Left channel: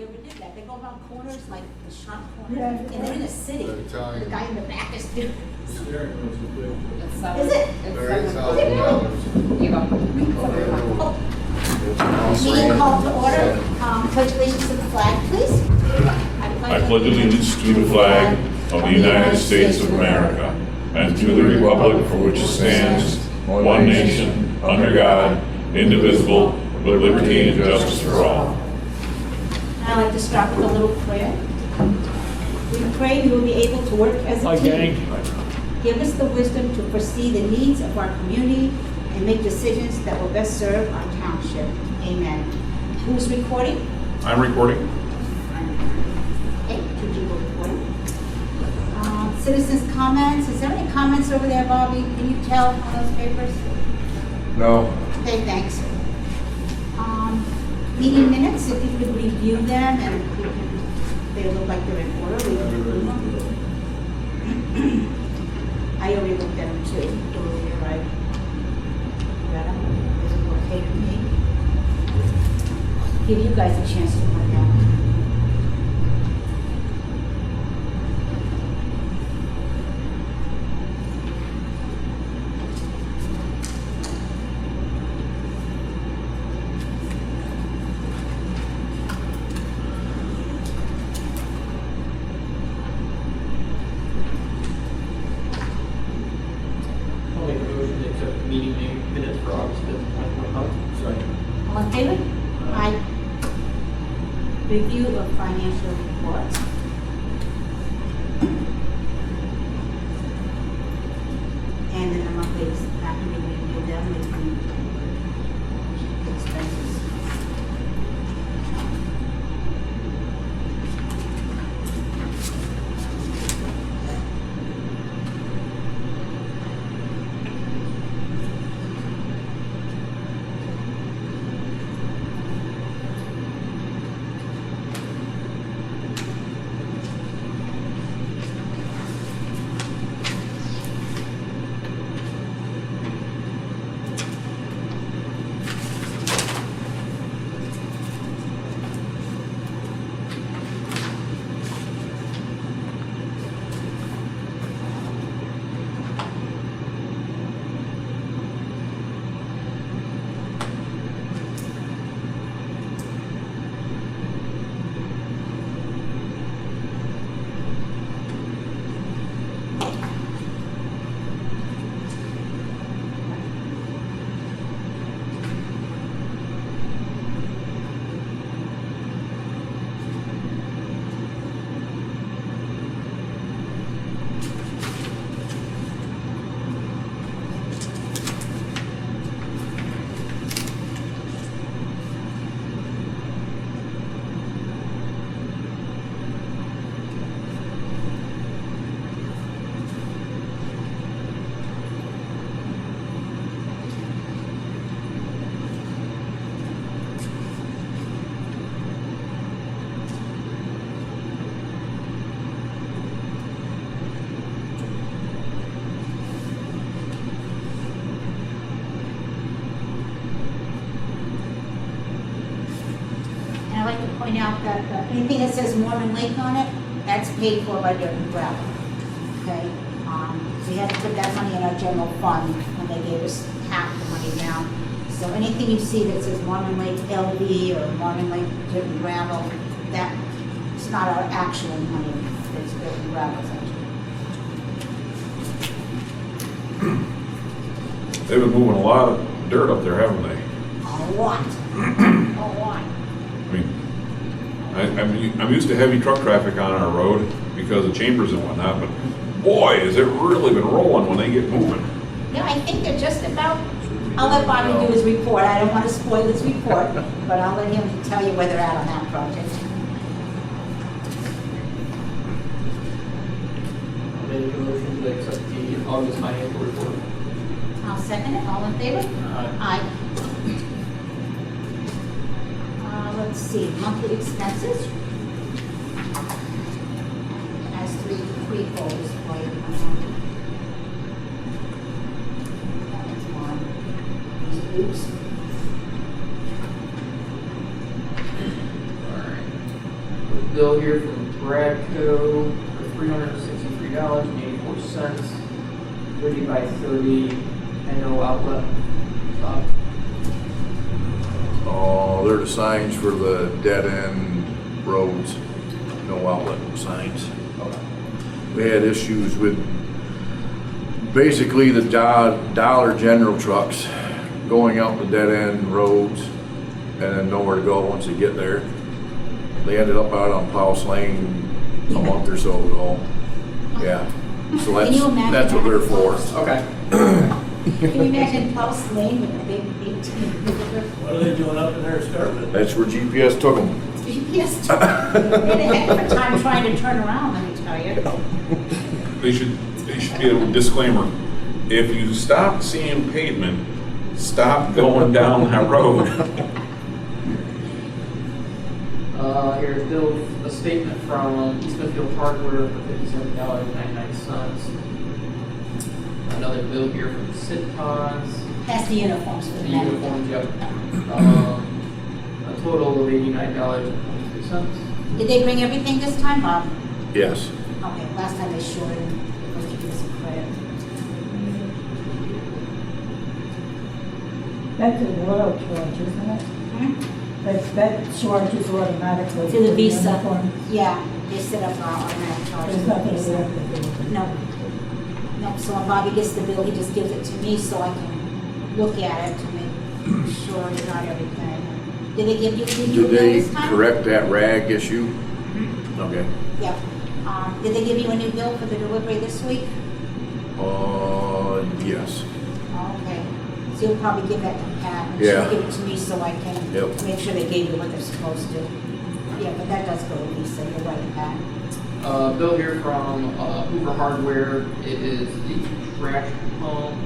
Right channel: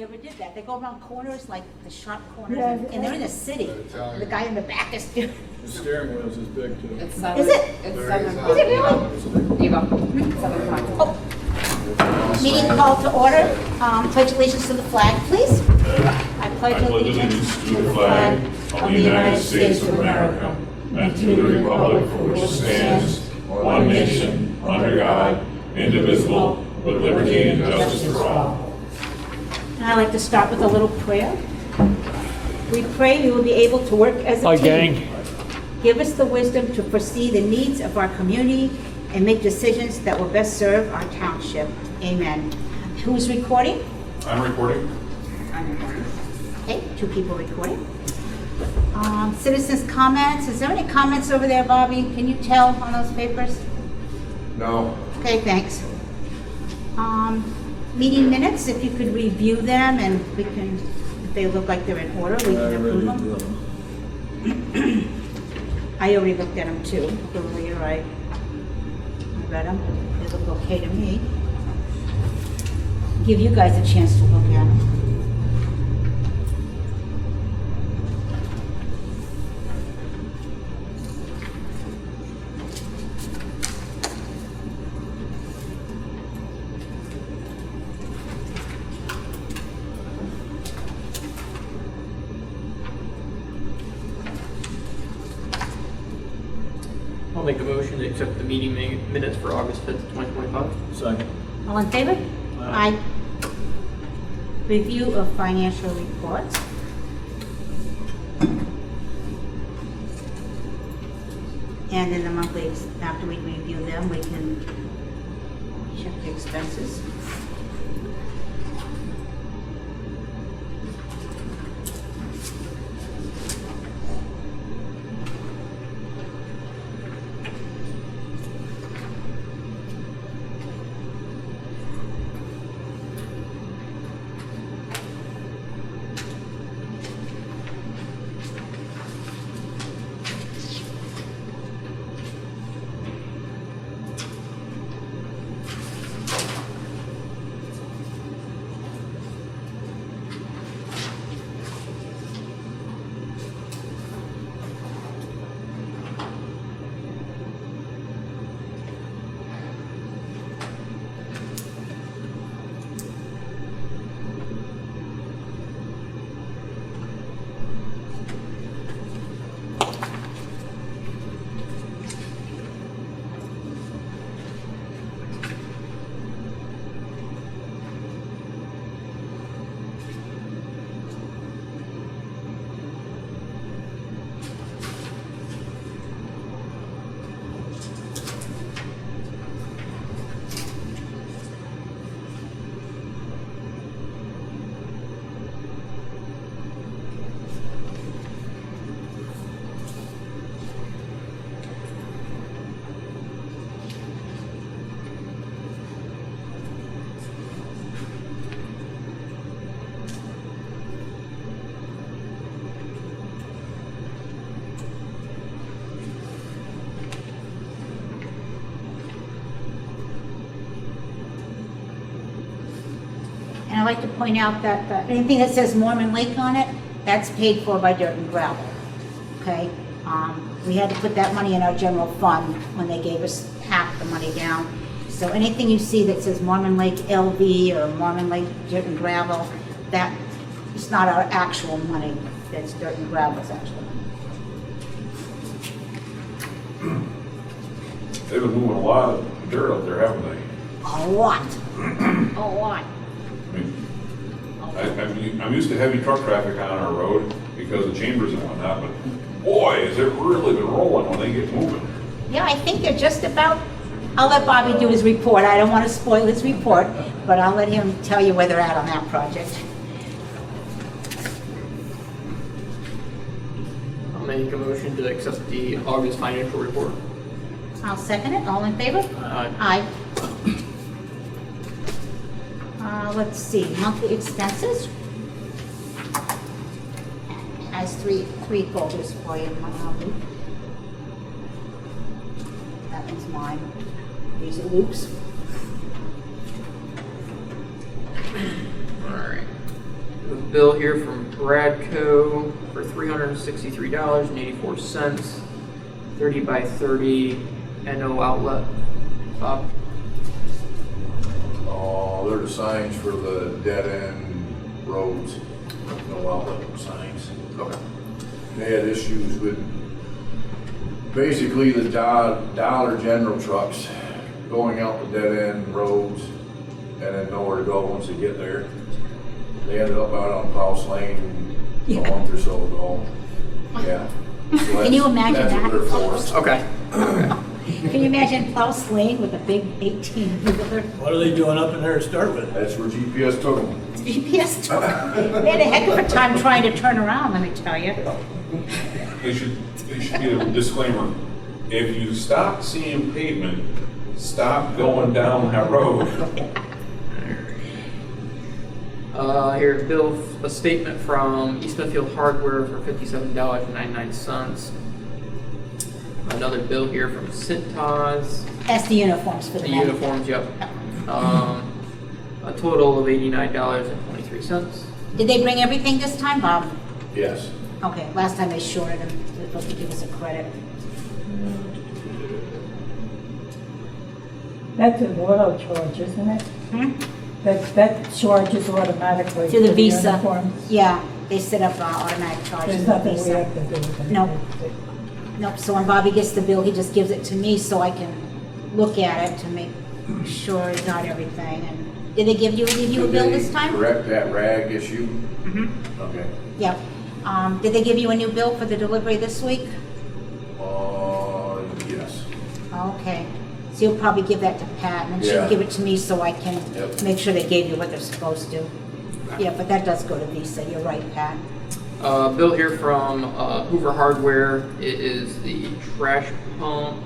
nobody ever did that. They go around corners, like the sharp corners, Yeah. and they're in a city. They're Italian. The guy in the back is doing. The steering wheel's is big too. It's 7. Is it? It's Very 7. Is it really? Here you go. 7 o'clock. Oh, meeting called to order. Pledge allegiance to the flag, please. I pledge allegiance to the flag of the United States of America and to the republic for which it stands, one nation, under God, indivisible, with liberty and justice for all. And I'd like to start with a little prayer. We pray we will be able to work as a Hi, team. gang. Give us the wisdom to foresee the needs of our community and make decisions that will best serve our township. Amen. Who's recording? I'm recording. Okay, 2 people recording. Citizens' comments. Is there any comments over there, Bobby? Can you tell on those papers? No. Okay, thanks. Meeting minutes, if you could review them and we can, they look like they're in order, we can approve them. I already looked at them too, earlier, I read them, they look okay to me. Give you guys a chance to look at them. I'll make a motion to accept the meeting minutes for August 5th, 2025. Second. All in favor? Aye. Review of financial reports. And in the monthly, after we review them, we can check the expenses. And I'd like to point out that anything that says Mormon Lake on it, that's paid for by dirt and gravel. Okay? We had to put that money in our general fund when they gave us half the money down. So anything you see that says Mormon Lake LV or Mormon Lake dirt and gravel, that is not our actual money. That's dirt and gravel, actually. They've been moving a lot of dirt up there, haven't they? A lot. A lot. I mean, I'm used to heavy truck traffic on our road because of chambers and whatnot, but boy, has it really been rolling when they get moving. Yeah, I think they're just about, I'll let Bobby do his report. I don't want to spoil his report, but I'll let him tell you where they're at on that project. I'll make a motion to accept the August financial report. I'll second it. All in favor? Aye. Aye. Let's see, monthly expenses. Has three folders for you. That one's mine. These are Luke's. Alright. bill here from Bradco for $363.84, 30 by 30 NO outlet. Oh, they're the signs for the dead end roads, no outlet signs. Okay. They had issues with basically the Dollar General trucks going out the dead end roads and then nowhere to go once they get there. They ended up out on Powell's Lane a month or so ago. Yeah. So Can you imagine that's what that? they're for. Okay. Can you imagine Klaus Lane with a big 18-wheeler? What are they doing up in there to start with? That's where GPS took them. GPS truck. They had a heck of a time trying to turn around, let me tell you. They should be a disclaimer. If you stop seeing pavement, stop going down that road. Here's bill, a statement from East Smithfield Hardware for $57.99. Another bill here from Cintas. That's the uniforms for the The men. uniforms, yep. A total of $89.23. Did they bring everything this time, Bob? Yes. Okay, last time they shorted them. They're supposed to give us a credit. That's an auto charge, isn't it? Hmm? That charges automatically. To the for Visa. uniforms. Yeah, they set up automatic charges. There's for nothing we Visa. have to do with it. No. Nope, so when Bobby gets the bill, he just gives it to me so I can look at it to make sure he got everything. And did they give you a Did bill they this time? correct that rag issue? Mhm. Okay. Yep. Did they give you a new bill for the delivery this week? Yes. Okay. So you'll probably give that to Pat and Yeah. she'll give it to me so I can Yep. make sure they gave you what they're supposed to. Yeah, but that does go to Visa, you're right, Pat. Bill here from Hoover Hardware. It is the trash pump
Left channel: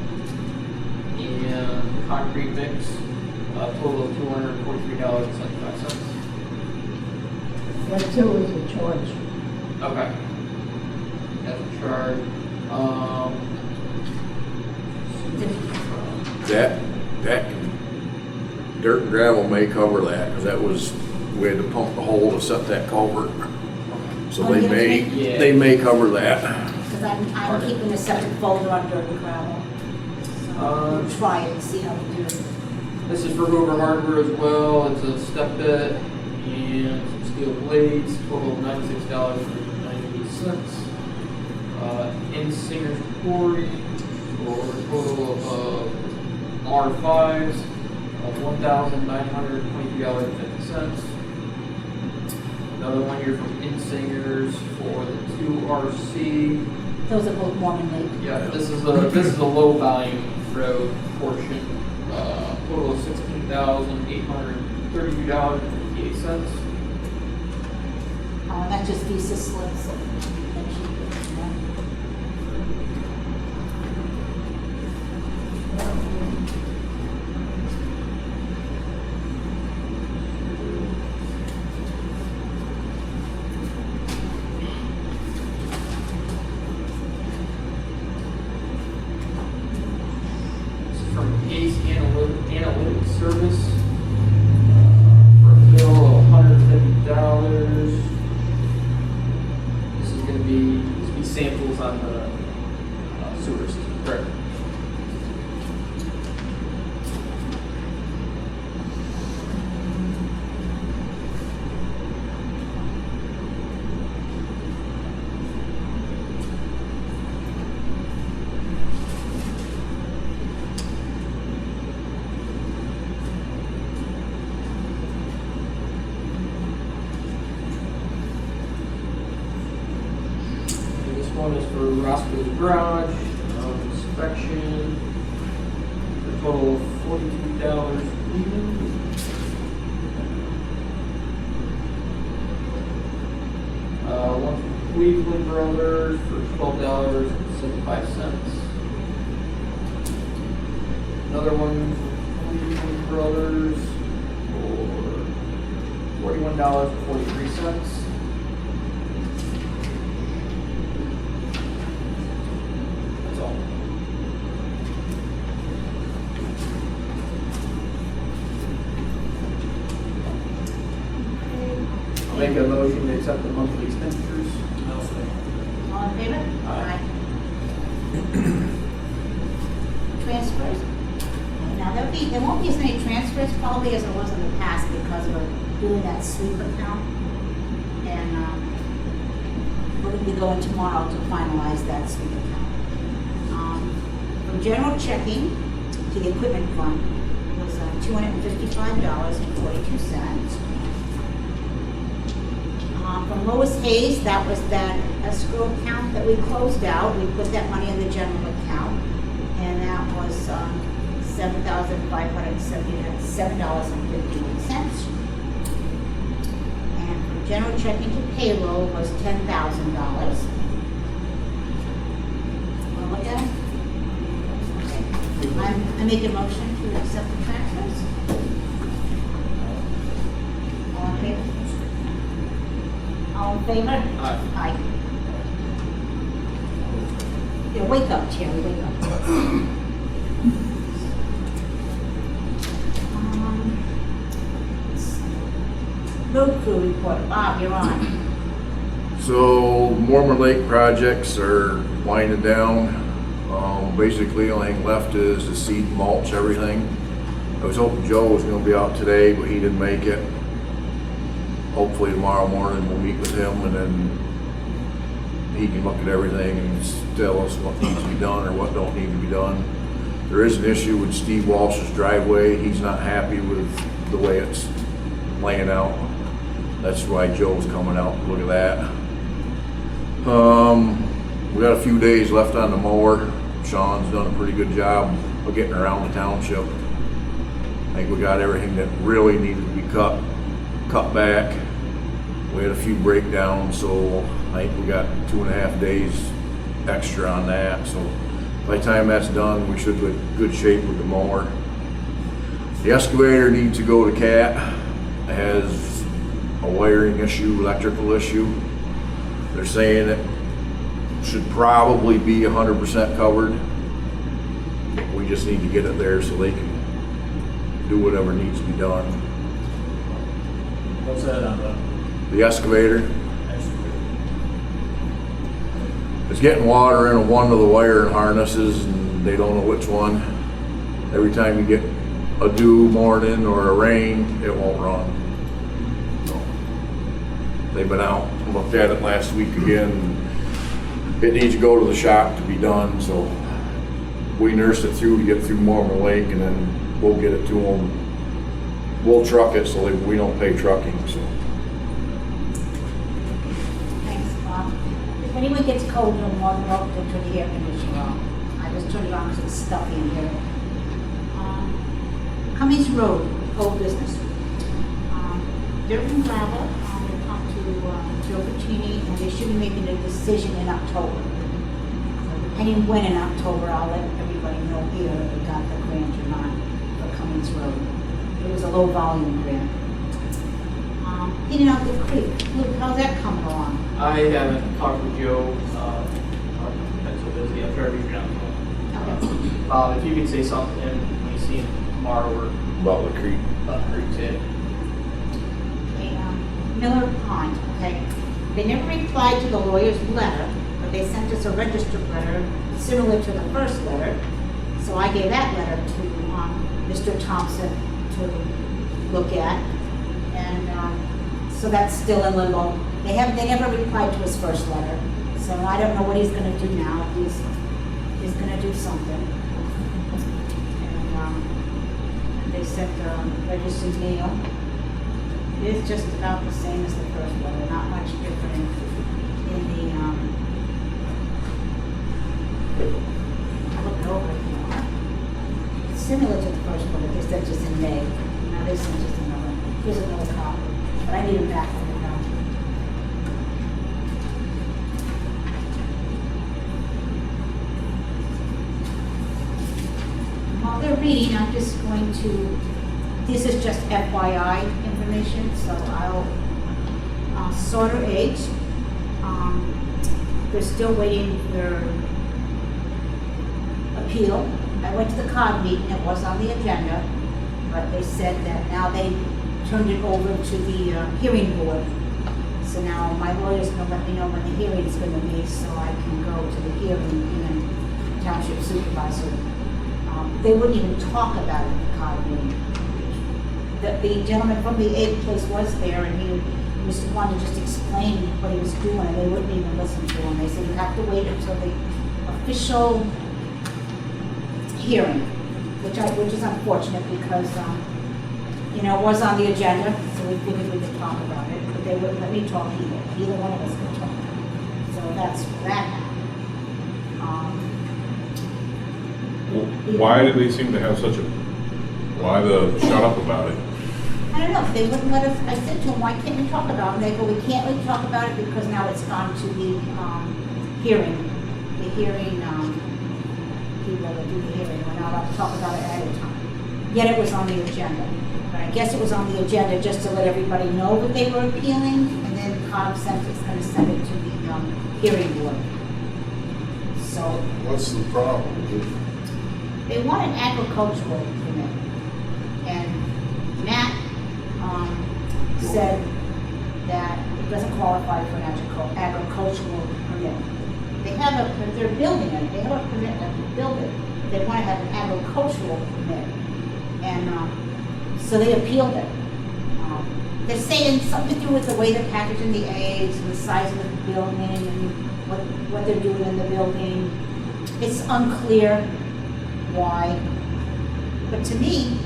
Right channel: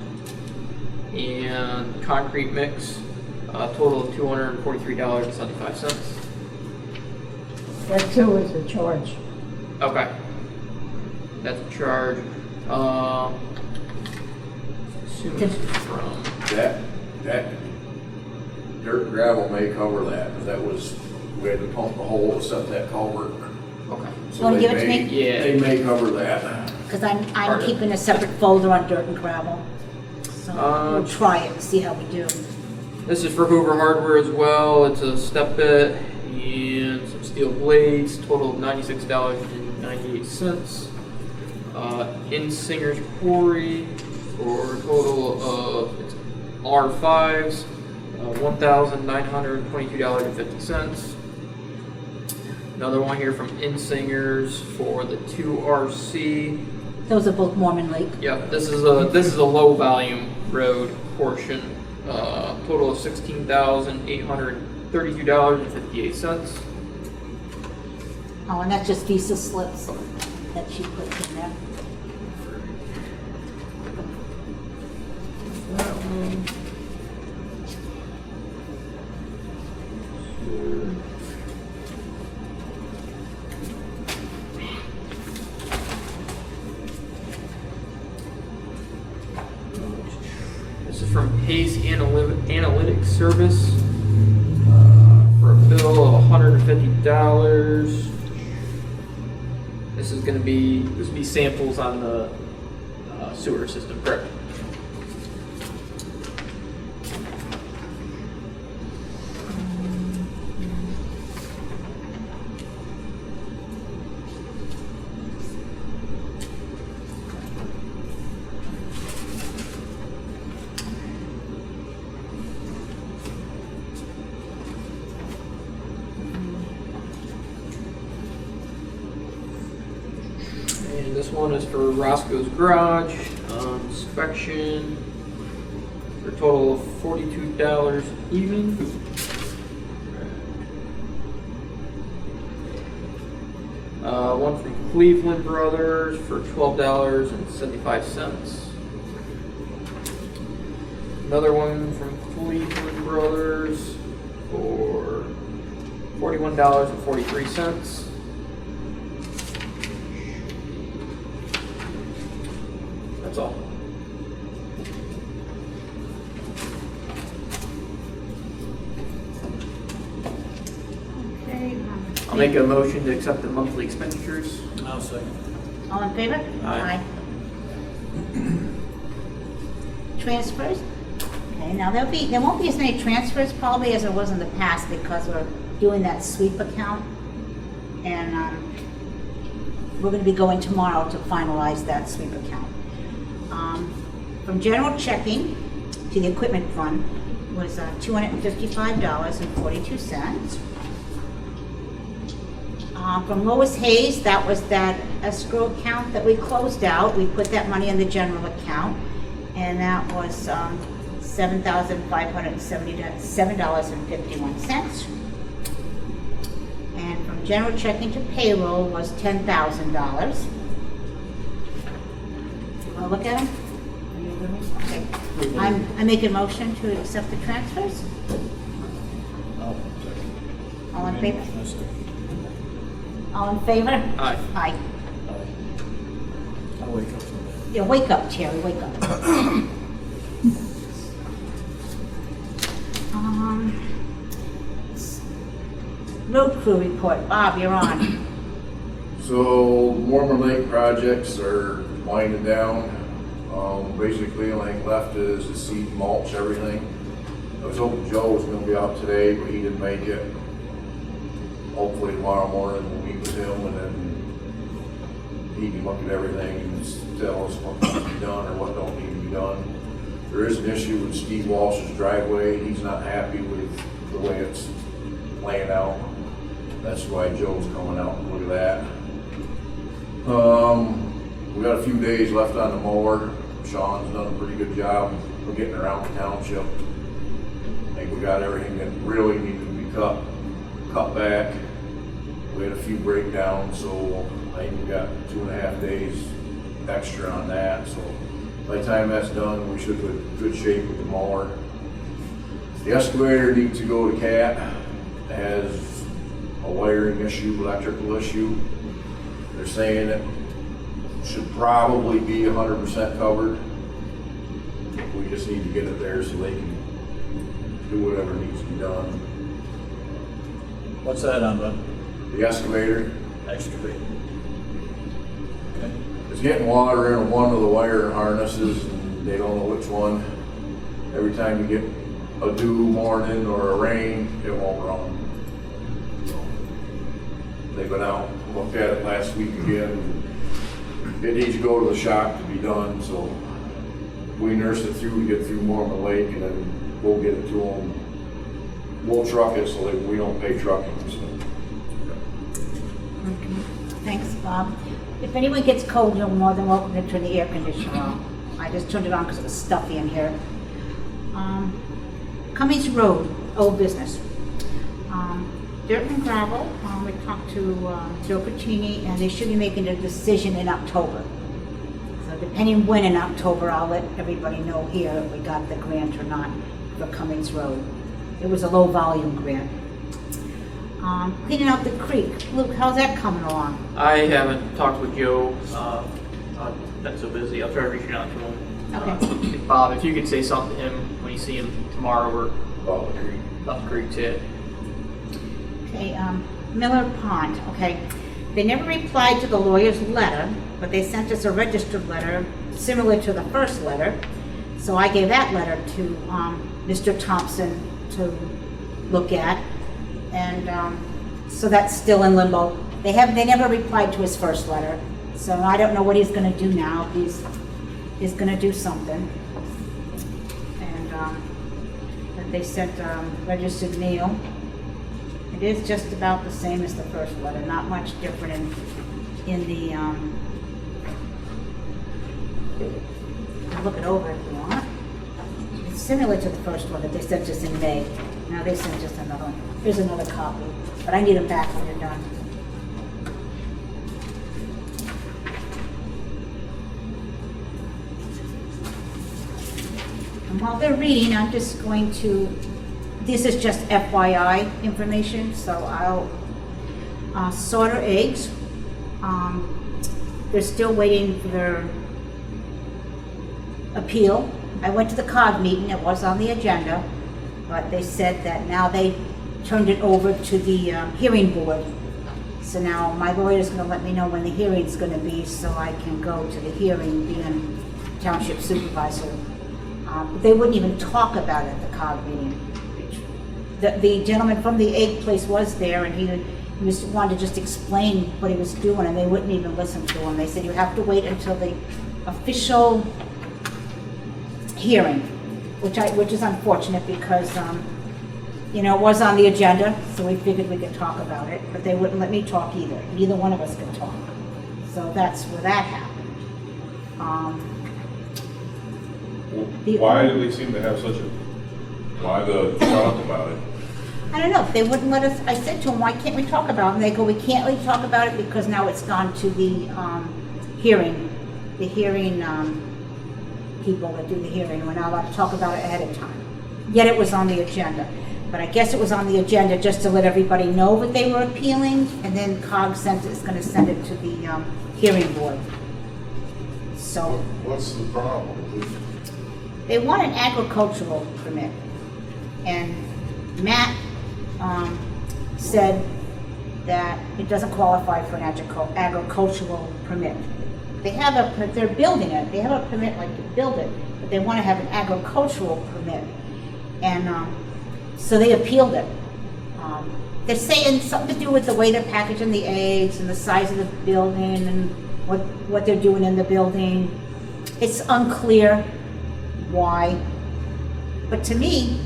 and concrete mix. Total of $243.75. That too is a charge. Okay. That's a charge. This is from. That dirt and gravel may cover that, because that was, we had to pump the hole to set that culvert. Okay. So Wanna they give it to may, me? Yeah. they may cover that. Because I'm Pardon? keeping a separate folder on dirt and gravel. So we'll try it and see how we do. This is for Hoover Hardware as well. It's a step bit and some steel blades. Total of $96.98. In Singer's Quarry for a total of R5s, $1,922.50. Another one here from Insingers for the 2RC. Those are both Mormon Lake. Yeah, this is a low volume road portion. Total of $16,832.58. Oh, and that's just Visa slips that she put in there. This is from Pace Analytics Service for a bill of $150. This will be samples on the sewer system, correct? And this one is for Roscoe's Garage, inspection, for a total of $42 even. One from Cleveland Brothers for $12.75. Another one from Cleveland Brothers for $41.43. That's all. I'll make a motion to accept the monthly expenditures. I'll say. All in favor? Aye. Transfers? Okay, now there won't be as many transfers probably as there was in the past because we're doing that sweep account. And we're gonna be going tomorrow to finalize that sweep account. From general checking to the equipment fund was $255.42. From Lois Hayes, that was that escrow account that we closed out. We put that money in the general account, and that was $7,577.51. And from general checking to payroll was $10,000. Want to look at them? Okay. I make a motion to accept the transfers. All in favor? All in favor? Aye. Aye. Yeah, wake up, Terry, wake up. Road crew report, Bob, you're on. So Mormon Lake projects are winding down. Basically, the only thing left is the seed, mulch, everything. I was hoping Joe was gonna be out today, but he didn't make it. Hopefully tomorrow morning we'll meet with him and then he can look at everything and tell us what needs to be done or what don't need to be done. There is an issue with Steve Walsh's driveway. He's not happy with the way it's laying out. That's why Joe's coming out to look at that. We got a few days left on the mower. Sean's done a pretty good job of getting around the township. I think we got everything that really needed to be cut back. We had a few breakdowns, so I think we got 2.5 days extra on that. So by the time that's done, we should be in good shape with the mower. The excavator needs to go to CAT. It has a wiring issue, electrical issue. They're saying it should probably be 100% covered. We just need to get it there so they can do whatever needs to be done. What's that on The excavator, excavator? it's getting water in one of the wire harnesses and they don't know which one. Every time you get a dew morning or a rain, it won't run. So, they've been out and looked at it last week again. It needs to go to the shop to be done, so we nursed it through to get through Mormon Lake and then we'll get it to them. We'll truck it so that we don't pay trucking, so. Thanks, Bob. If anyone gets cold, you're more than welcome to turn the air conditioner on. I just turned it on because it's stuffy in here. Cummings Road, old business. Dirt and gravel, we talked to Joe Puccini, and they should be making a decision in October. So depending when in October, I'll let everybody know here if we got the grant or not for Cummings Road. It was a low volume grant. Cleaning out the creek. Luke, how's that coming along? I haven't talked with Joe. I've been so busy. I'll try to reach out to him. Okay. Bob, if you could say something to him when you see him tomorrow or About the creek. about the creek too. Okay, Miller Pond, okay. They never replied to the lawyer's letter, but they sent us a registered letter similar to the first letter. So I gave that letter to Mr. Thompson to look at. And so that's still in limbo. They never replied to his first letter. So I don't know what he's gonna do now. He's gonna do something. And they sent registered mail. It is just about the same as the first letter, not much different in the, look it over if you want. It's similar to the first one that they sent us in May. Now they sent us another, here's another copy, but I need them back when they're done. And while they're reading, I'm just going to, this is just FYI information, so I'll, Sauter Eggs, they're still waiting for their appeal. I went to the COG meeting, it was on the agenda, but they said that now they turned it over to the hearing board So now my lawyer's gonna let me know when the hearing's gonna be, so I can go to the hearing, being township supervisor. They wouldn't even talk about it at the COG meeting. The gentleman from the egg place was there, and he wanted to just explain what he was doing, and they wouldn't even listen to him. They said, you have to wait until the official hearing, which is unfortunate because, you know, it was on the agenda, so we figured we could talk about it, but they wouldn't let me talk either. Neither one of us could talk. So that's where that happened. Why did they seem to have such a, why the shut up about it? I don't know, they wouldn't let us, I said to them, why can't we talk about it? And they go, we can't really talk about it because now it's gone to the hearing. The hearing, people that do the hearing, we're not allowed to talk about it ahead of time. Yet it was on the agenda. But I guess it was on the agenda just to let everybody know that they were appealing, and then COG is gonna send it to the hearing board. So, What's the problem? they want an agricultural permit. And Matt said that it doesn't qualify for an agricultural permit. They're building it, they have a permit like to build it, but they want to have an agricultural permit. And so they appealed it. They're saying something to do with the way they're packaging the eggs and the size of the building and what they're doing in the building. It's unclear why, but to me,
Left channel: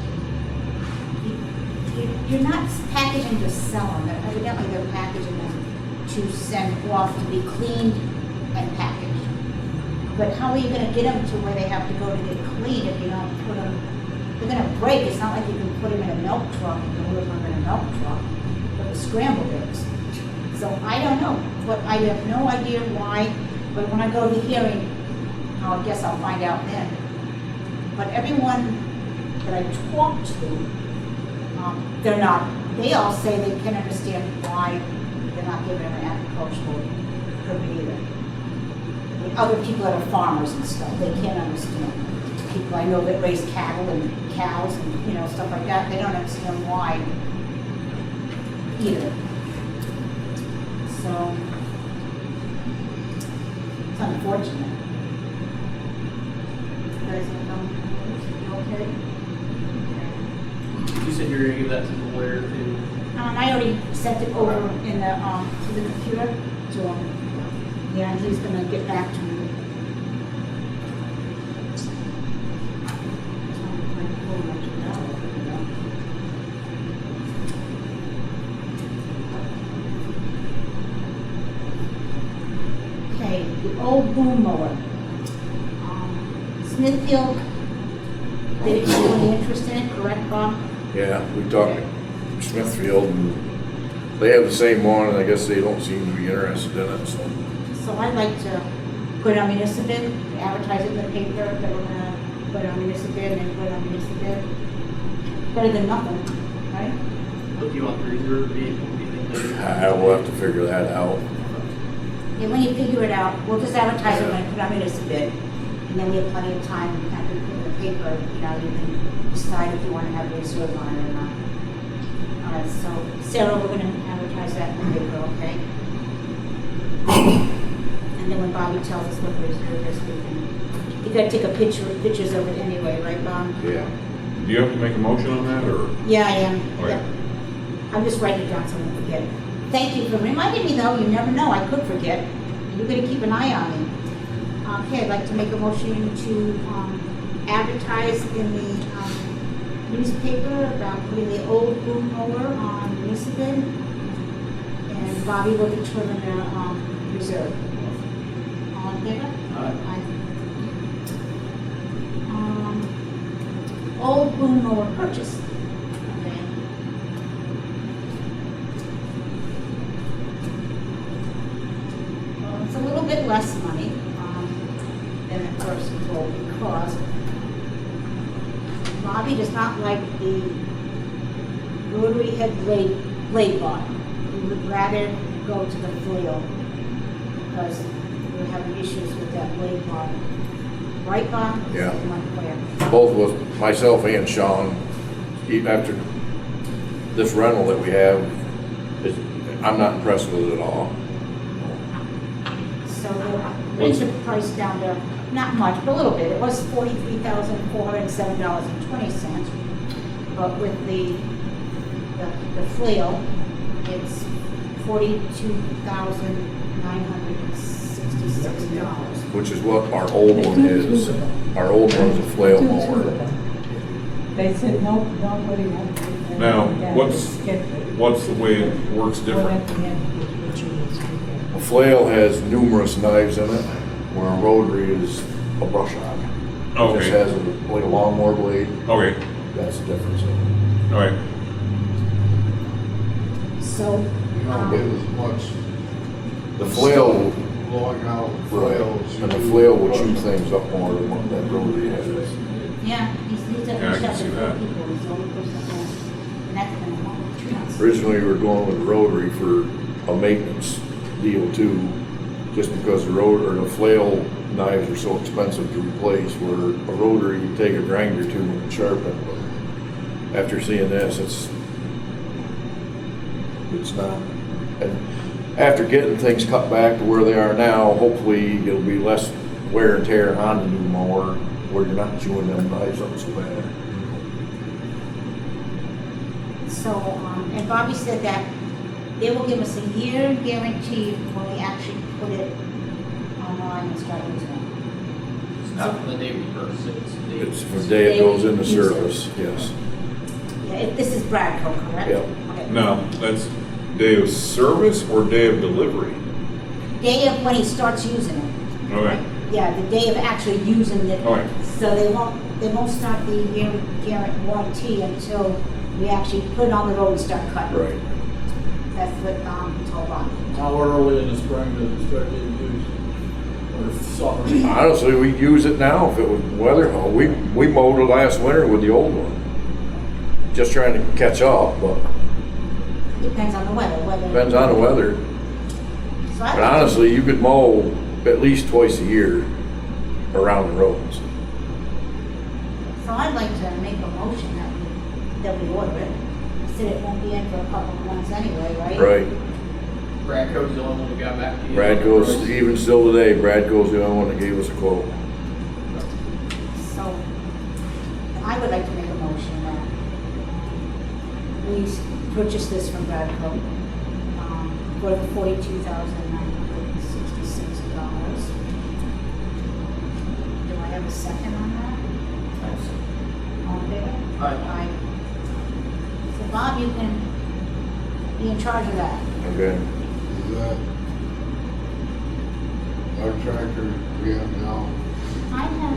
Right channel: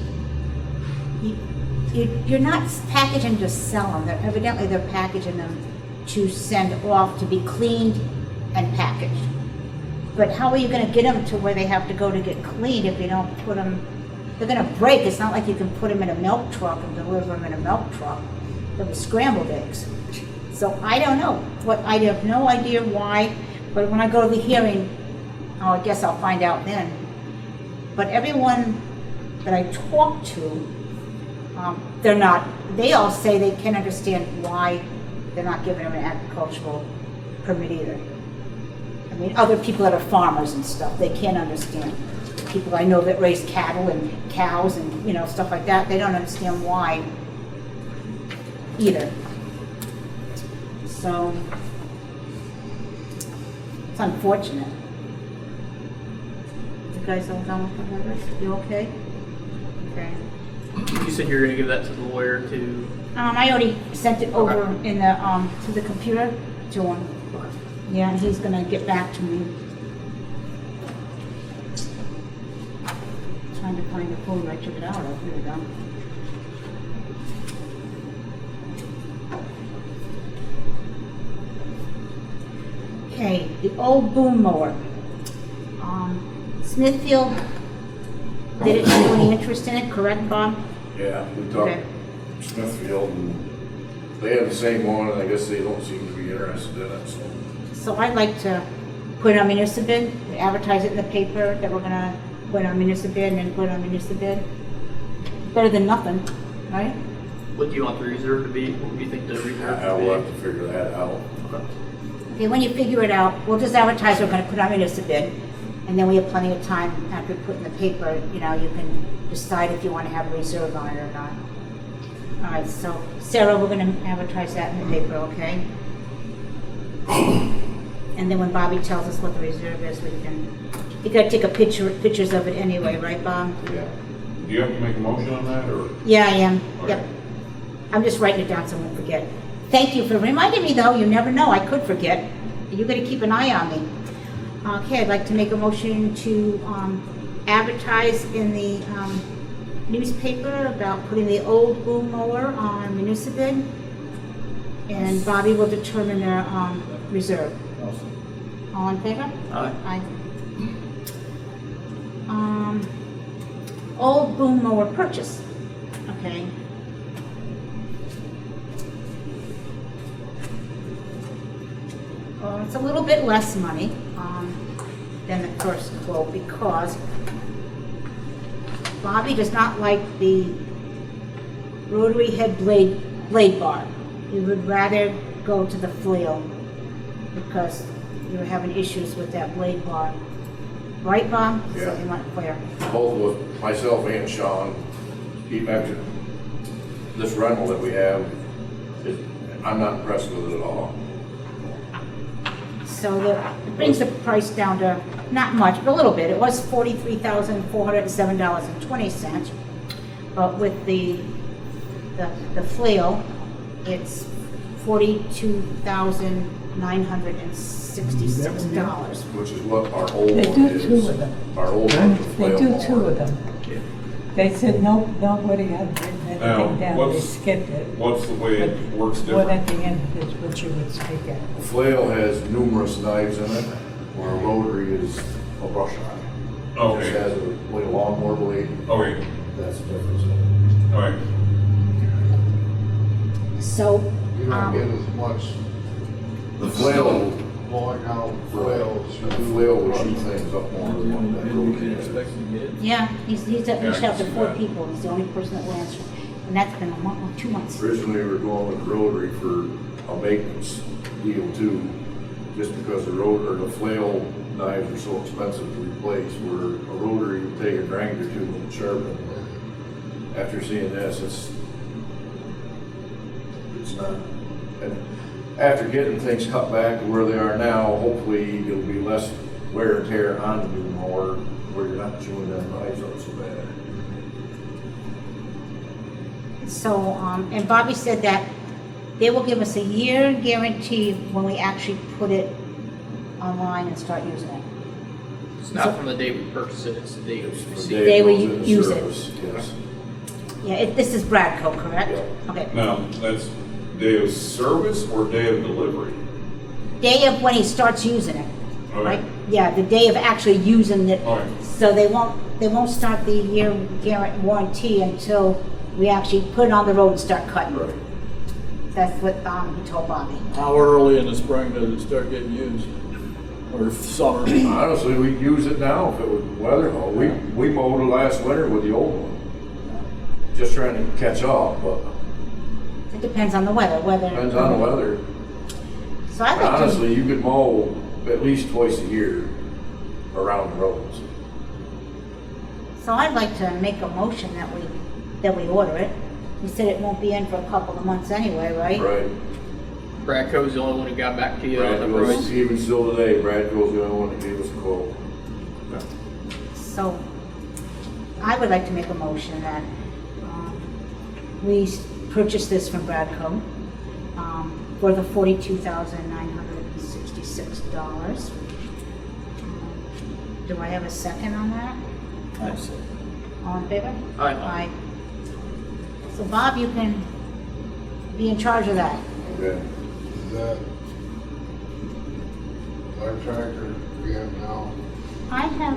you're not packaging to sell them. Evidently they're packaging them to send off to be cleaned and packaged. But how are you going to get them to where they have to go to get cleaned if you don't put them? They're going to break. It's not like you can put them in a milk truck and deliver them in a milk truck with scrambled eggs. So I don't know. I have no idea why. But when I go to the hearing, I guess I'll find out then. But everyone that I talk to, they all say they can't understand why they're not giving them an agricultural permit either. I mean, other people that are farmers and stuff, they can't understand. People I know that raise cattle and cows and, you know, stuff like that, they don't understand why either. So, it's unfortunate. You guys all know this? You okay? Okay. You said you're gonna give that to the lawyer to, I already sent it over in the, to the computer to him. Yeah, and he's gonna get back to me. Trying to find the phone, I took it out, I'll put it down. Okay, the old boom mower. Smithfield didn't show any interest in it, correct, Bob? Yeah, we talked Okay. to Smithfield, and they have the same one, and I guess they don't seem to be interested in it, so. So I'd like to put it on municipal bid, advertise it in the paper that we're gonna put on municipal bid and then put it on municipal bid. Better than nothing, right? what do you want the reserve to be? What do you think the reserve? I will have to figure that out. Okay, when you figure it out, we'll just advertise we're gonna put on municipal bid. And then we have plenty of time after we put in the paper, you know, you can decide if you wanna have a reserve on it or not. All right, so Sarah, we're gonna advertise that in the paper, okay? And then when Bobby tells us what the reserve is, you gotta take pictures of it anyway, right, Bob? Yeah. Do you have to make a motion on that, or? Yeah, I am, Okay. yep. I'm just writing it down so I don't forget. Thank you for reminding me though, you never know, I could forget. You're gonna keep an eye on me. Okay, I'd like to make a motion to advertise in the newspaper about putting the old boom mower on municipal bid. And Bobby will determine their reserve. All in favor? Aye. Aye. Old boom mower purchase. Okay. Well, it's a little bit less money than the first quote because Bobby does not like the rotary head blade bar. He would rather go to the flail because we were having issues with that blade bar. Right, Bob? Yeah. So you went clear. Both of us, myself and Sean, even after this rental that we have, I'm not impressed with it at all. So that brings the price down to, not much, but a little bit. It was $43,407.20. But with the flail, it's $42,966. Which is what our old They one do two is. of them. Our old one's a They flail do two mower. of them. They said, no, nobody had written Now, anything down, they what's- skipped it. What's the way it works One different? at the end is what you would stick A at. flail has numerous knives in it, where a rotary is a brush hog. It just Okay, has like a lawnmower blade. okay, That's the difference. all right. So, You don't get as much The flail, blowing out right, flails. and the flail will shoot things up more than what that rotary has. yeah, he's Yeah, I reached can out to see 4 that. people. He's the only person that wants, and that's been a month, 2 months. Originally, we were going with the rotary for a maintenance deal too, just because the the flail knives are so expensive to replace, where a rotary, you take a grinder to and sharpen it. After seeing this, it's not, and after getting things cut back to where they are now, hopefully it'll be less wear and tear on the new mower, where you're not chewing them knives up so bad. So, and Bobby said that they will give us a year guarantee when we actually put it online and start using it. It's not from the day we purchase it, it's the day. It's from the Day day it we goes into use it. service, yes. Yeah, this is Bradco, correct? Yeah. Okay. Now, that's day of service or day of delivery? Day of when he starts using it. Okay. Right? Yeah, the day of actually using it. All right. So they won't start the year warranty until we actually put it on the road and start cutting. Right. That's what he told Bobby. How early in the spring does it start getting used? Or summer? Honestly, we'd use it now if it was weather. We mowed it last winter with the old one. Just trying to catch up, but It depends on the weather. depends on the weather. So I'd But like to- honestly, you could mow at least twice a year around the roads. So I'd like to make a motion that we order it. We said it won't be in for a couple of months anyway, right? Right. Bradco's the only one who got back to you. on the Bradco's, price. even still today, Bradco's the only one that gave us a quote. So I would like to make a motion that we purchase this from Bradco for the $42,966. Do I have a second on that? All in favor? Aye. Aye. So Bob, you can be in charge of that. Okay. Is that our tractor we have now? I have,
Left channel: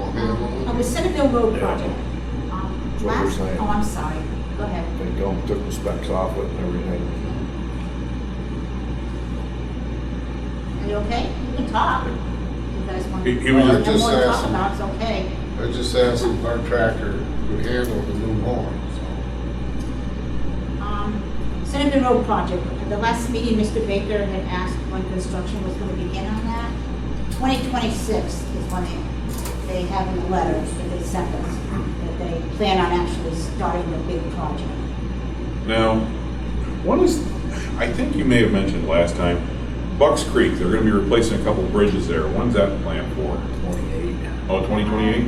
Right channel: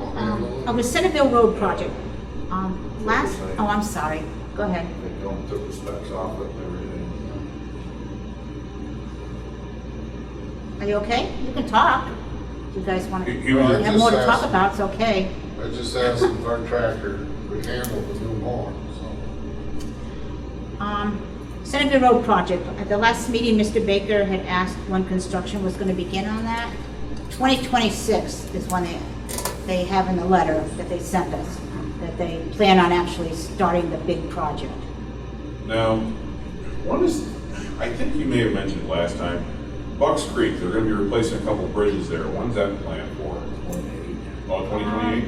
Well, the Centerville Road project. Last, saying. oh, I'm sorry. Go ahead. They took the specs off it and everything. Are you okay? You can talk. If you guys want to, He was have just more to talk asking. about, it's okay. I just asked if our tractor could handle the new mower, so. Centerville Road project. At the last meeting, Mr. Baker had asked when construction was going to begin on that. 2026 is when they have in the letter that they sent us, that they plan on actually starting the big project. Now, I think you may have mentioned last time, Bucks Creek, they're gonna be replacing a couple bridges there. When's that planned for? 28. Oh, 2028?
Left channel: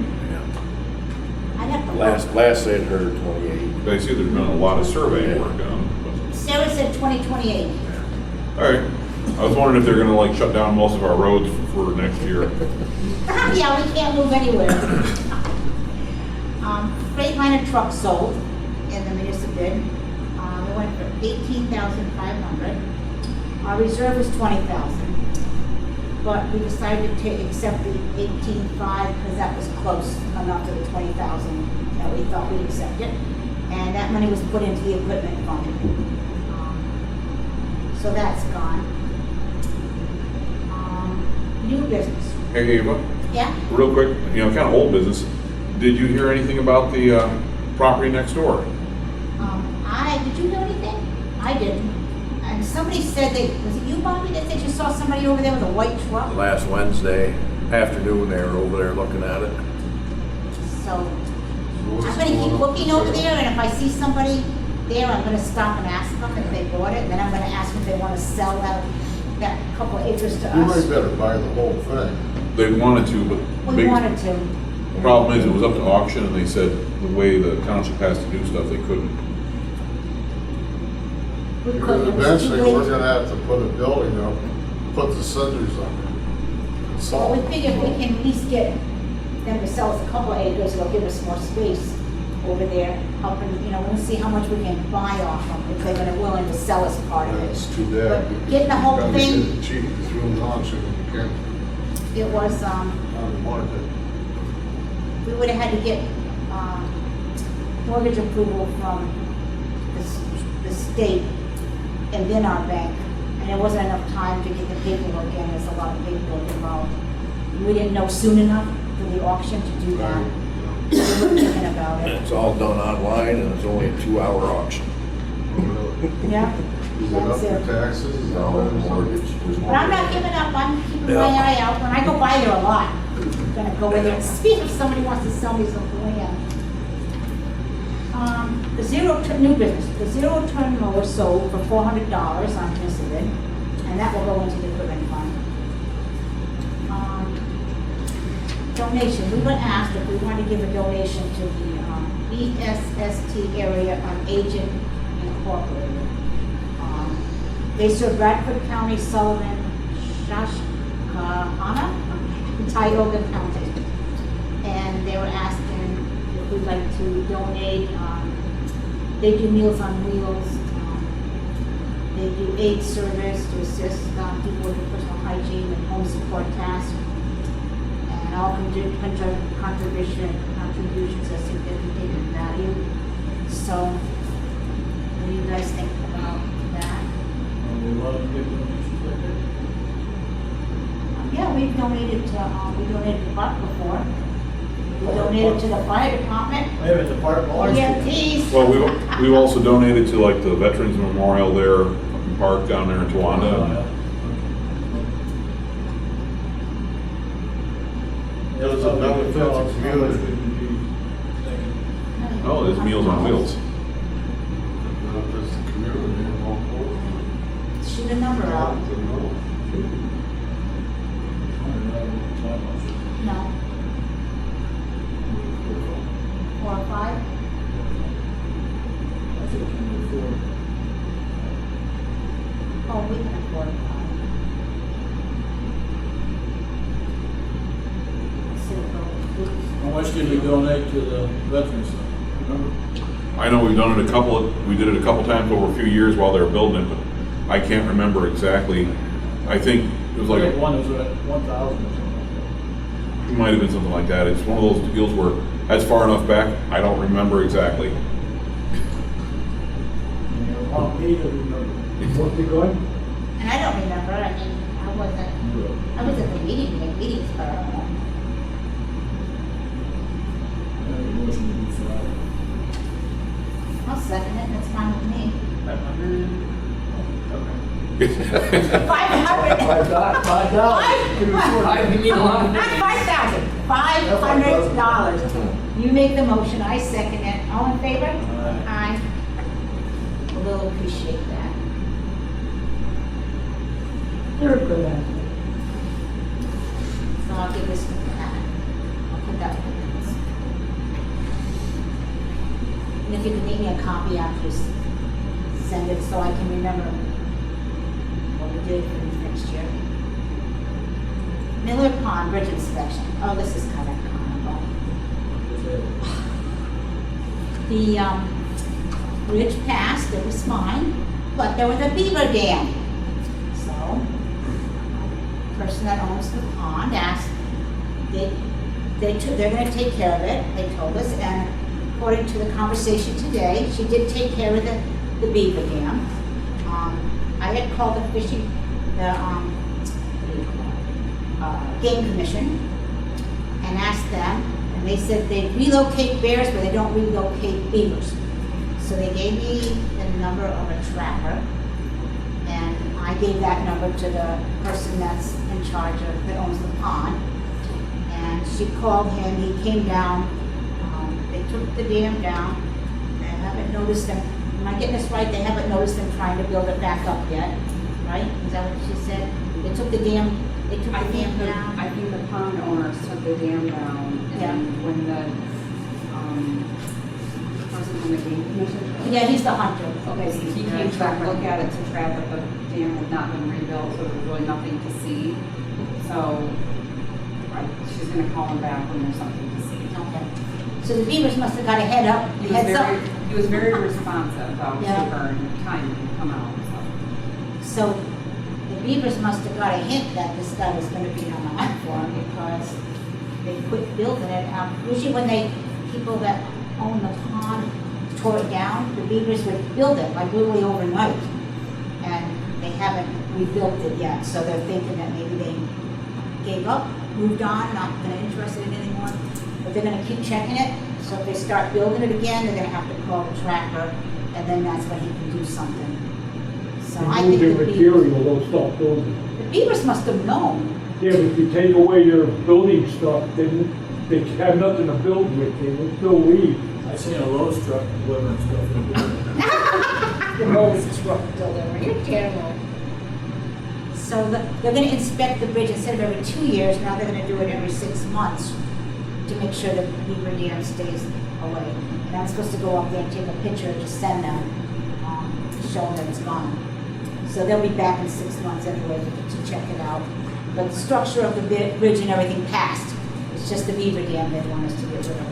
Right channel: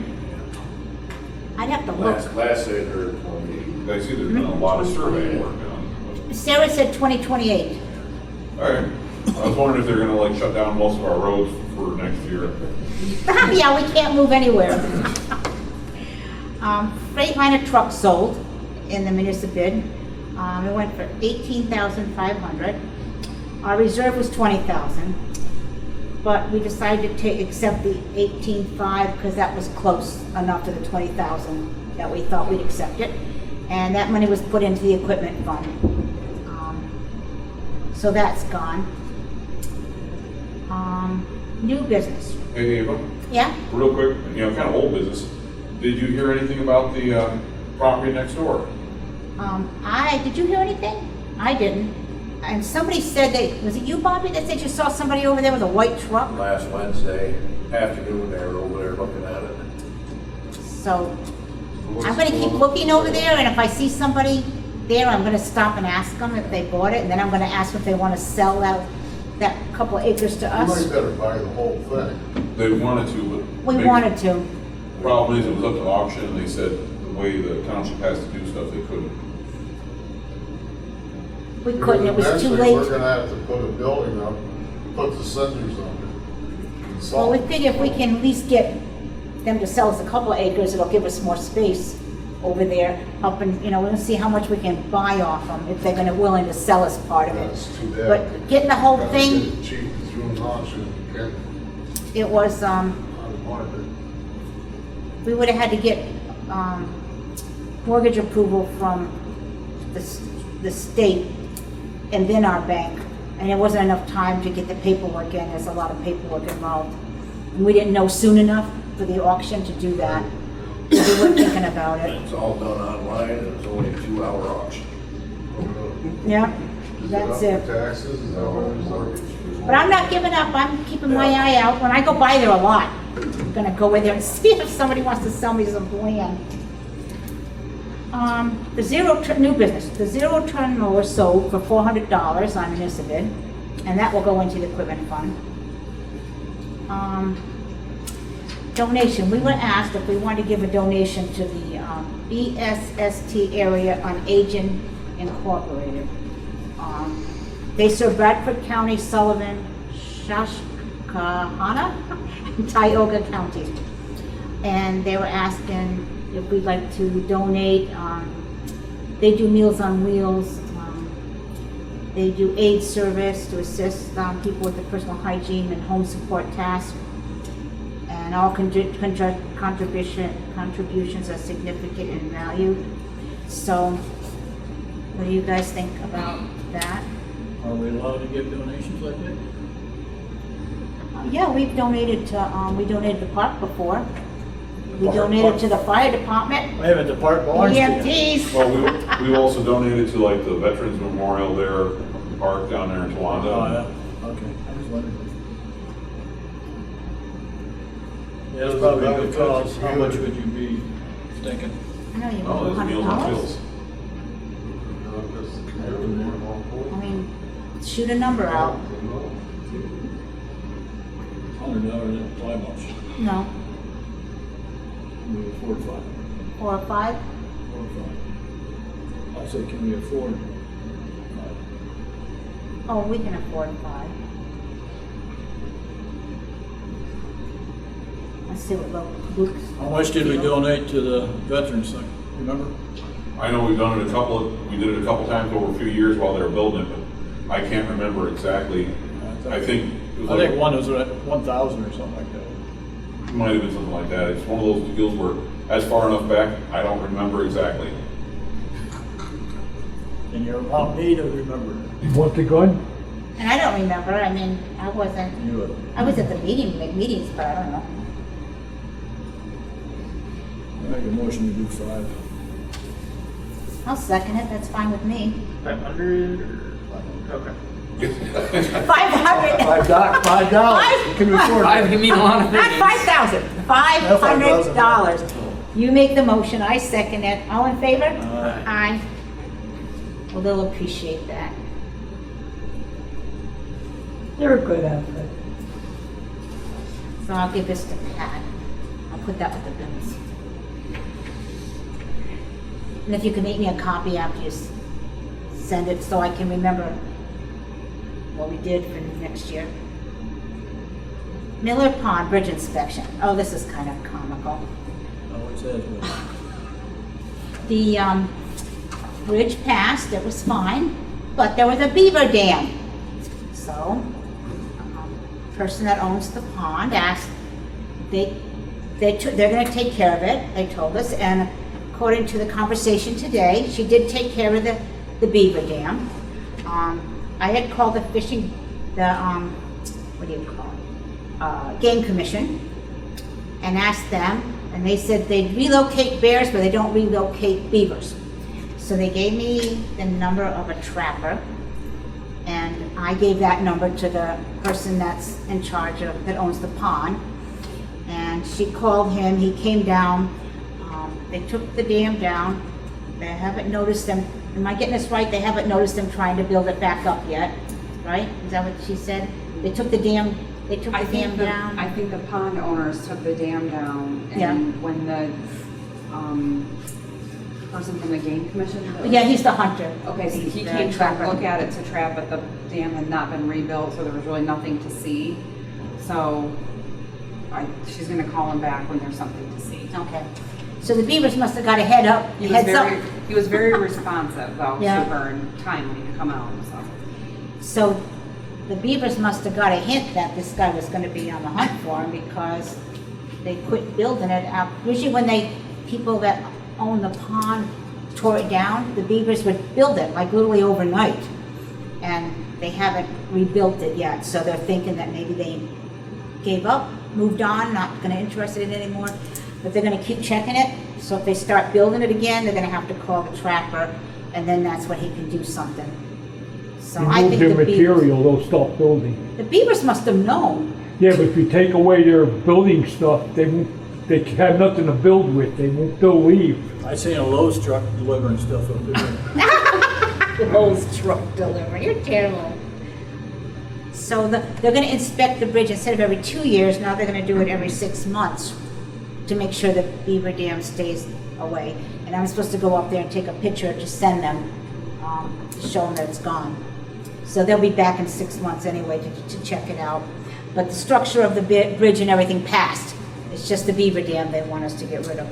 I'd have to look. Last I heard 28. I see there's been a lot of surveying work done. Sarah said 2028. All right. I was wondering if they're gonna like shut down most of our roads for next year. Yeah, we can't move anywhere. Freightliner truck sold in the municipal bid. It went for $18,500. Our reserve was $20,000, but we decided to accept the $18,500 because that was close enough to the $20,000 that we thought we'd accept it, and that money was put into the equipment fund. So that's gone. New business. Hey, Ava, Yeah. real quick, kind of old business. Did you hear anything about the property next door? Did you hear anything? I didn't. And somebody said was it you, Bobby, that said you saw somebody over there with a white truck? Last Wednesday afternoon, they were over there looking at it. So what's I'm gonna going keep on? looking over there, and if I see somebody there, I'm gonna stop and ask them if they bought it, and then I'm gonna ask if they wanna sell that couple acres to You might us. better buy the whole thing. They wanted to, but. We they- wanted to. Problem is, it was up to auction, and they said the way the township has to do stuff, they couldn't. We couldn't, it was too Eventually, we're late. gonna have to put a building up, put the cinders on it. Well, we figure if we can at least get them to sell us a couple acres, it'll give us more space over there, helping, we'll see how much we can buy off them, if they're gonna willing to sell us part of it. That's too bad. But getting the whole Gotta thing- get it cheap through the auction, you can't, It was, out of market. we would have had to get, mortgage approval from the state and then our bank. And there wasn't enough time to get the paperwork in, there's a lot of paperwork involved. And we didn't know soon enough for the auction to do that, so we were thinking about it. It's all done online and it's only a 2-hour auction. Yeah, Is it up that's for it. taxes? Is that what it's like? But I'm not giving up, I'm keeping my eye out. When I go by there a lot, I'm gonna go in there and see if somebody wants to sell me some land. New business, the zero-turn mower sold for $400 on Municipal, and that will go into the equipment fund. Donation, we were asked if we wanted to give a donation to the ESST Area on Aging Incorporated. They serve Bradford County, Sullivan, Susquehanna, and Tioga County. And they were asking if we'd like to donate. They do Meals on Wheels. They do aid service to assist people with their personal hygiene and home support tasks. And all contributions are significant in value. So, what do you guys think about that? Are we allowed to give donations like that? Yeah, we've donated to, we donated to park before. We Park. donated to the fire department, I haven't the park belongs to you. EMTs. Well, we've also donated to like the Veterans Memorial there, up in Park down there in Oh, yeah, Towanda. okay. Yeah, that's probably a good cause. How much would you be thinking? Oh, there's Meals on Wheels. Not just the community, I mean, shoot a number out. $100 at time much. No, 45. 4 or 5? I said, can we afford? Oh, we can afford 5. Let's see what goes. How much did we donate to the veterans thing? Remember? I know we've done it we did it a couple times over a few years while they were building it, but I can't remember exactly. I think it was I think like, one was at 1,000 or something like that. it might have been something like that. It's one of those deals where that's far enough back, I don't remember exactly. And you want me to remember? What's it going? And I don't remember, I mean, I was at the meeting, like meetings, but I don't know. I make a motion to do 5. I'll second it, that's fine with me. 500? Okay. 500. $5. Can we afford Five, it? you mean a lot of Not things. 5,000, $500. You make the motion, I second it. All in favor? Aye. Well, they'll appreciate that. You're a good athlete. So I'll give this to Pat. I'll put that with the minutes. And if you can make me a copy after you send it, so I can remember what we did for next year. Miller Pond Bridge Inspection. Oh, this is kind of comical. The bridge passed, it was fine, but there was a beaver dam. So, person that owns the pond asked, they're gonna take care of it, they told us, and according to the conversation today, she did take care of the beaver dam. I had called the fishing, what do you call it? Game Commission, and asked them, and they said they'd relocate bears, but they don't relocate beavers. So they gave me the number of a trapper, and I gave that number to the person that's in charge of, that owns the pond. And she called him, he came down, they took the dam down, they haven't noticed them Am I getting this right? They haven't noticed them trying to build it back up yet, right? Is that what she said? They took the dam down? I think the pond owners took the dam down, Yeah. and when the, person from the game commission. Yeah, he's the hunter. Okay, so he came to look at it to trap, but the dam had not been rebuilt, so there was really nothing to see. So, she's gonna call him back when there's something to see. Okay. So the beavers must have got a heads up. He was very responsive, though, Yeah. super, and timely to come out, so. So the beavers must have got a hint that this guy was gonna be on the hunt for him because they quit building it out. Usually when people that own the pond tore it down, the beavers would build it like literally overnight. And they haven't rebuilt it yet, so they're thinking that maybe they gave up, moved on, not gonna interested in it anymore. But they're gonna keep checking it, so if they start building it again, they're gonna have to call the trapper, and then that's when he can do something. So I think Remove the their beavers, material, they'll stop building. the beavers must have known. Yeah, but if you take away their building stuff, they have nothing to build with, they'll leave. I seen a Lowe's truck delivering stuff over there. The Lowe's truck delivery, you're terrible. So they're gonna inspect the bridge instead of every 2 years, now they're gonna do it every 6 months to make sure the beaver dam stays away. And I'm supposed to go up there and take a picture to send them, to show them that it's gone. So they'll be back in 6 months anyway to check it out. But the structure of the bridge and everything passed. It's just the beaver dam they want us to get rid of.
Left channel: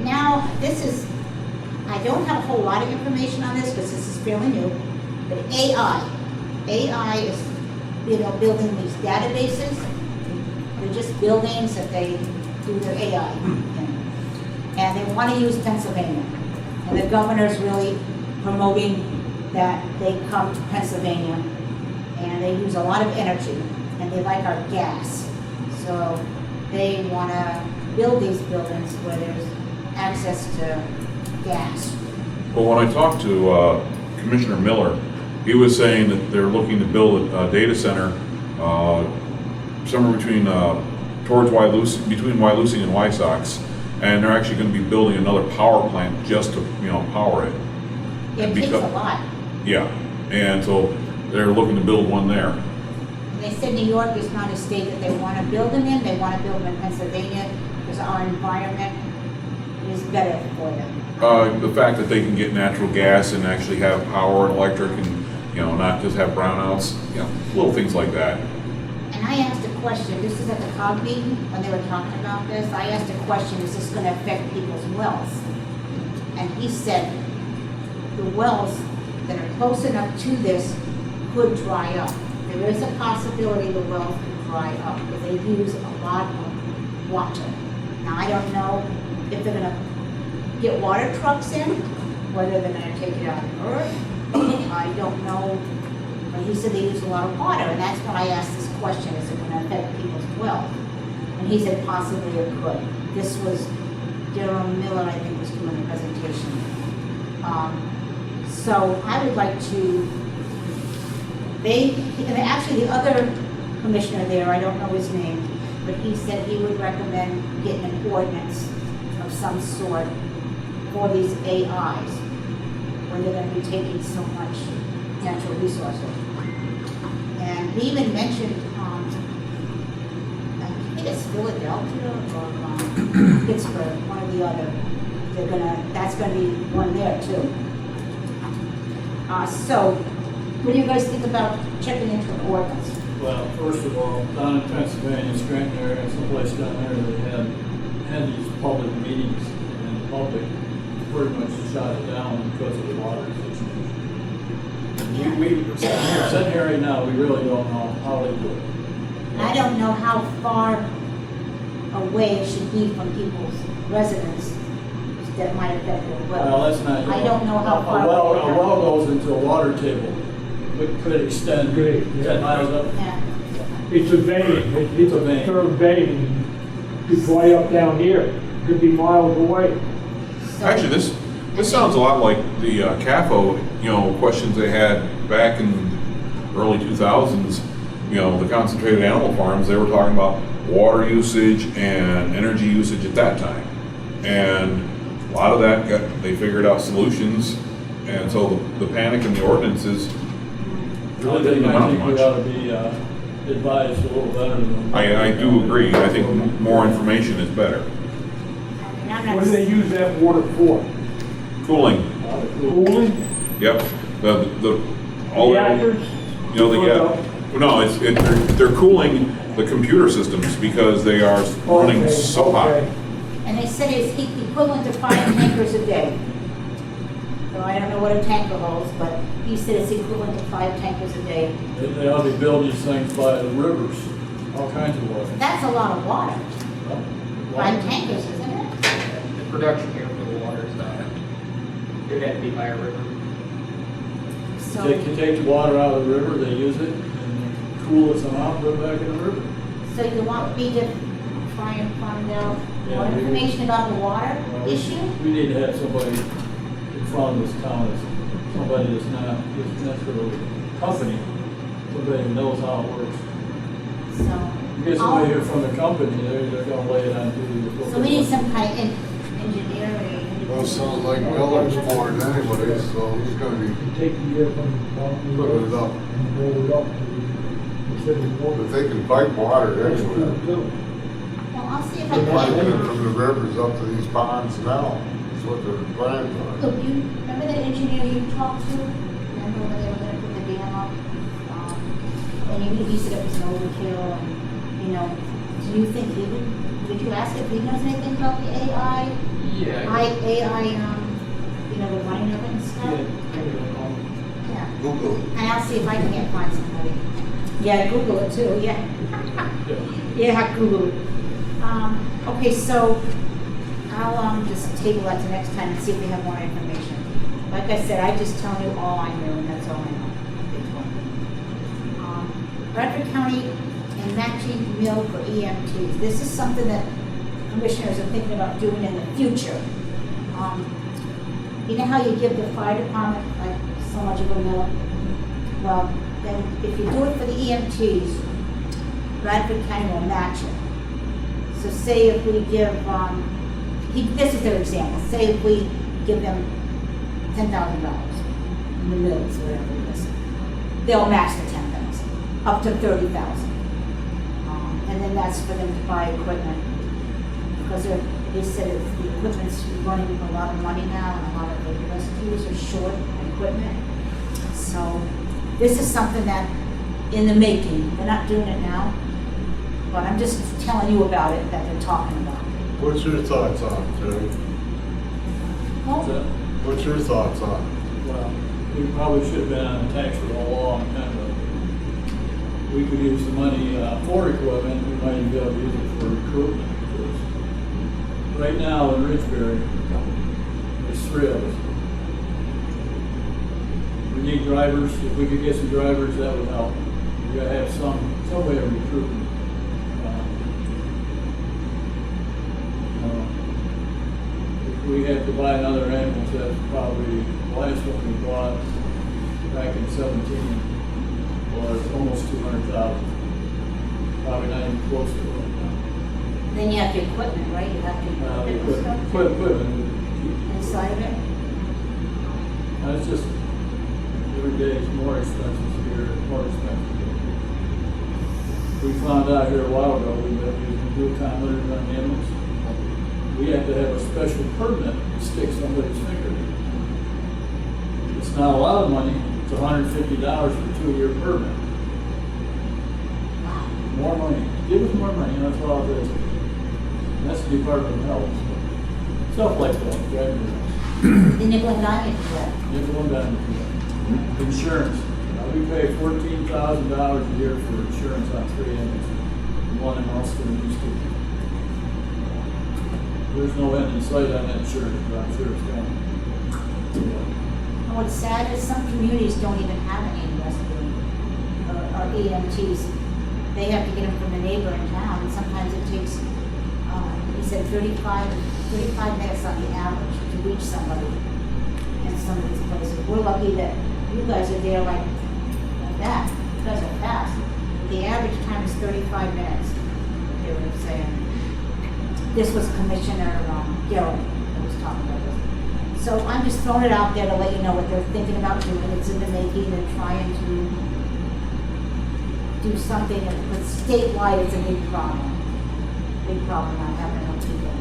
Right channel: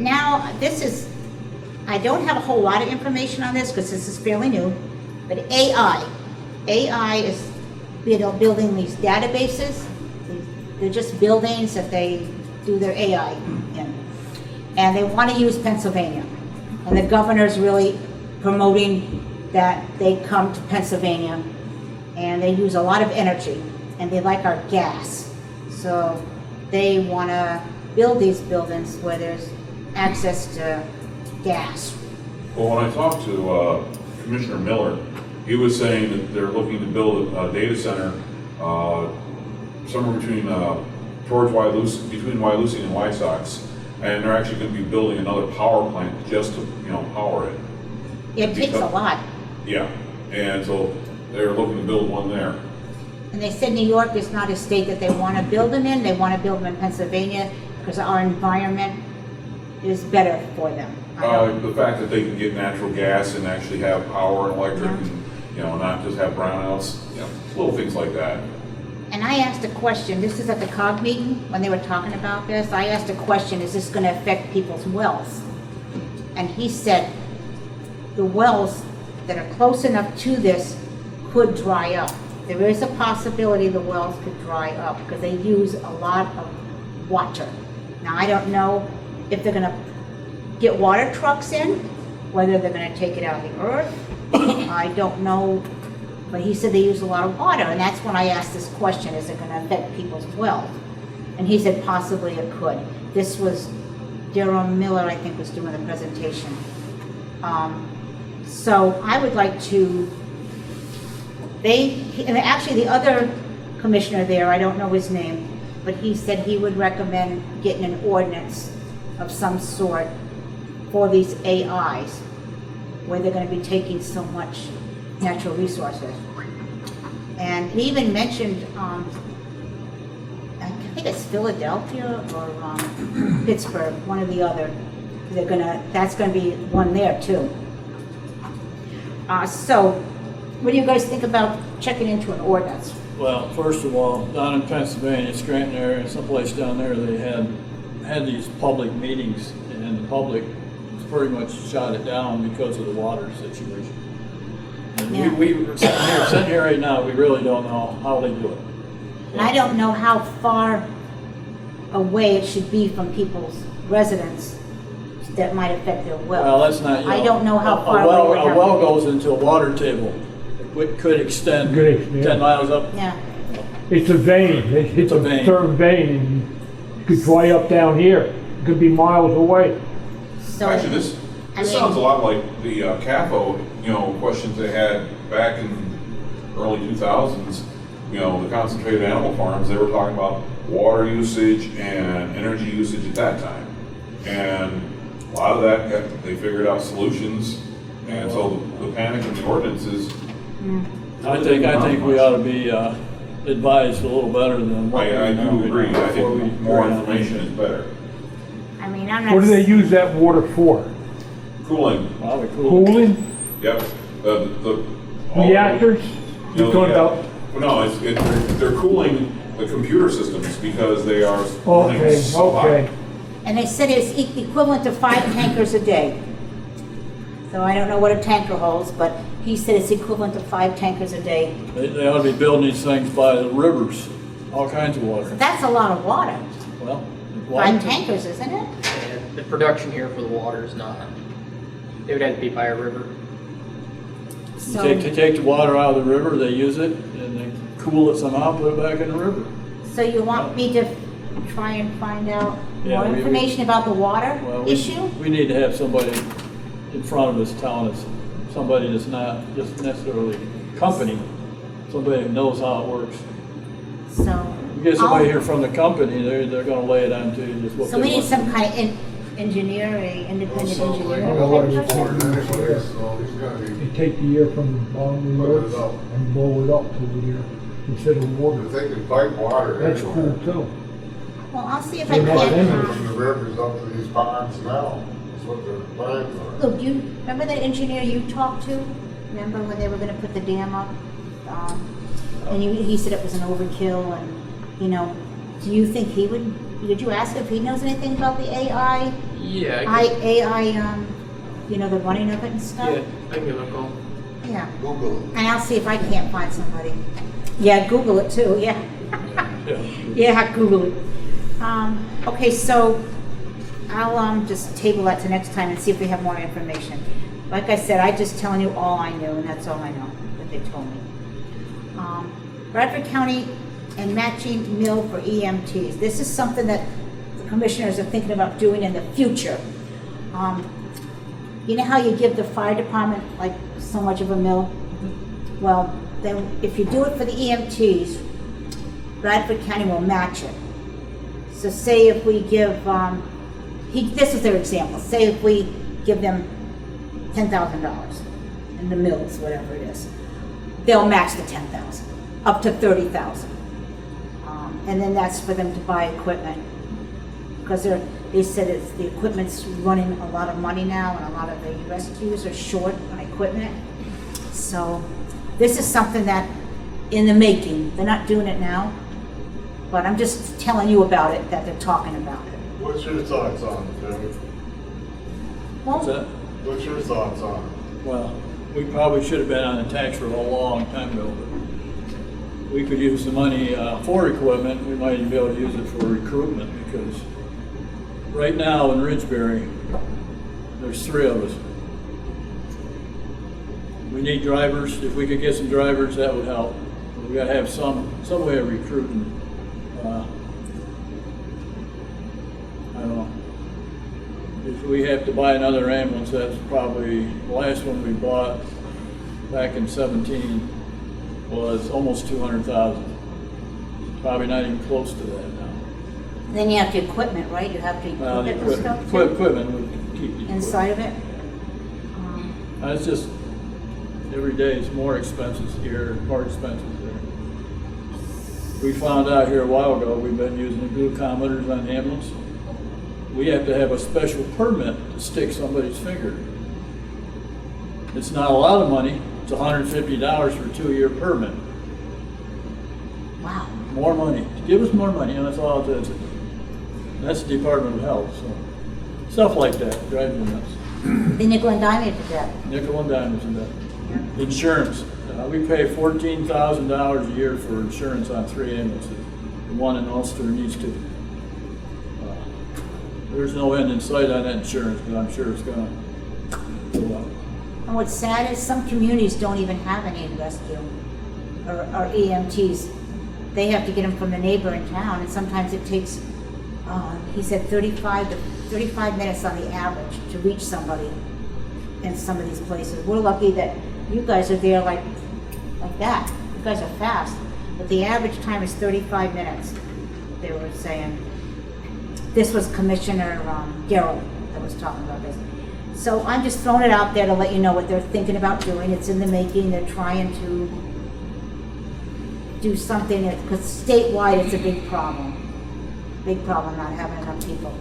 Now, I don't have a whole lot of information on this because this is fairly new, but AI is, building these databases. They're just buildings that they do their AI in. And they want to use Pennsylvania. And the governor's really promoting that they come to Pennsylvania. And they use a lot of energy, and they like our gas. So they want to build these buildings where there's access to gas. Well, when I talked to Commissioner Miller, he was saying that they're looking to build a data center somewhere between Wyalusing and Wysox, and they're actually going to be building another power plant just to power it. It takes a lot. Yeah, and so they're looking to build one there. And they said New York is not a state that they want to build them in. They want to build them in Pennsylvania because our environment is better for them. The fact that they can get natural gas and actually have power and electric and, not just have brownouts, little things like that. And I asked a question, this is at the COG meeting, when they were talking about this, I asked a question, is this going to affect people's wells? And he said, the wells that are close enough to this could dry up. There is a possibility the wells could dry up because they use a lot of water. Now, I don't know if they're gonna get water trucks in, whether they're gonna take it out of the earth. I don't know, but he said they use a lot of water, and that's when I asked this question, is it gonna affect people's wells? And he said possibly it could. This was Daryl Miller, I think, was doing the presentation. So I would like to, and actually the other commissioner there, I don't know his name, but he said he would recommend getting an ordinance of some sort for these AIs, where they're gonna be taking so much natural resources. And he even mentioned, I think it's Philadelphia or Pittsburgh, one or the other. That's gonna be one there too. So, what do you guys think about checking into an ordinance? Well, first of all, down in Pennsylvania, Scranton area, someplace down there, they had these public meetings, and the public pretty much shot it down because of the water situation. And we're sitting here right now, we really don't know how they do it. And I don't know how far away it should be from people's residence that might affect their well. Well, that's not, I don't know how far a away. well goes into a water table, which could extend Good, yeah. 10 miles up. Yeah. It's a vein, it's a vein. a third vein, could dry up down here, it could be miles away. So, Actually, this sounds a lot like the CAFO, questions they had back in the early 2000s, the concentrated animal farms. They were talking about water usage and energy usage at that time. And lot of that they figured out solutions, and so the panic in the ordinances. I think we ought to be advised a little better than. what I we do know. agree, I think more information is better. I mean, I'm not. What do they use that water for? Cooling, A lot of cool. Cooling? yep, all- Reactors? You know, Talking about- they're cooling the computer systems because they are running Okay, so hot. okay. And they said it's equivalent to 5 tankers a day. So I don't know what a tanker holds, but he said it's equivalent to 5 tankers a day. They ought to be building these things by the rivers, all kinds of water. That's a lot of water. Well, 5 tankers, isn't it? The production here for the water is not, it would have to be by a river. So, Take the water out of the river, they use it, and they cool it somehow, put it back in the river. so you want me to try and find out Yeah, more we- information about the water Well, issue? We need to have somebody in front of this town, somebody that's not just necessarily company, somebody who knows how it works. So. You get somebody I'll- here from the company, they're gonna lay it on to you, just what So we they need want. some kind of engineering, Well, independent sounds like engineer. village board anyway, so he's gonna be, They take the air from the bottom of the Put it earth up. and blow it up to the air instead of water. if they can pipe water That's cool anywhere. too. Well, I'll see if I They're not can. in From the rivers up to these ponds now, that's what their plans are. Look, you, remember that engineer you talked to? Remember when they were gonna put the dam up? And he said it was an overkill and, you know, do you think he would, did you ask if he knows anything about the AI, Yeah, I you know, the running of it and can, stuff? yeah, I can give it a call. Yeah, Google it. and I'll see if I can't find somebody. Yeah, Google it too, yeah. Yeah. Yeah, Google it. Okay, so I'll, just table that to next time and see if we have more information. Like I said, I just telling you all I knew, and that's all I know, what they told me. Bradford County and matching mill for EMTs. This is something that the commissioners are thinking about doing in the future. You know how you give the fire department like so much of a mill? Well, then if you do it for the EMTs, Bradford County will match it. So say if we give, this is their example, say if we give them $10,000 in the mills, whatever it is, they'll match the 10,000, up to 30,000. And then that's for them to buy equipment, because they said it's, the equipment's running a lot of money now, and a lot of the rescues are short on equipment. So this is something that in the making, they're not doing it now, but I'm just telling you about it, that they're talking about it. What's your thoughts on it, Jerry? What's that? What's your thoughts on it? Well, we probably should have been on the tax roll a long time ago. We could use the money for equipment, we might even be able to use it for recruitment, because right now in Ridgebury, there's 3 of us. We need drivers. If we could get some drivers, that would help. We gotta have some way of recruiting. I don't know. If we have to buy another ambulance, that's probably, the last one we bought back in 17 was almost 200,000. Probably not even close to that now. Then you have the equipment, right? You have to The equip it and stuff equipment would keep the inside of it? It's just, every day it's more expensive here, more expensive here. We found out here a while ago, we've been using glucometers on ambulance. We have to have a special permit to stick somebody's finger. It's not a lot of money, it's $150 for a 2-year permit. Wow. More money, give us more money, that's all it is. That's the Department of Health, so, stuff like that, driving me nuts. The nickel and dime for that. Nickel and dime for that. Insurance, we pay $14,000 a year for insurance on 3 ambulances. The one in Ulster and these 2. There's no end in sight on that insurance, but I'm sure it's gone. And what's sad is some communities don't even have any rescue or EMTs. They have to get them from the neighboring town, and sometimes it takes, he said 35 minutes on the average to reach somebody in some of these places. We're lucky that you guys are there like that. You guys are fast. But the average time is 35 minutes, they were saying. This was Commissioner Darrell that was talking about this. So I'm just throwing it out there to let you know what they're thinking about doing. It's in the making. They're trying to do something, because statewide it's a big problem. Big problem not having enough people.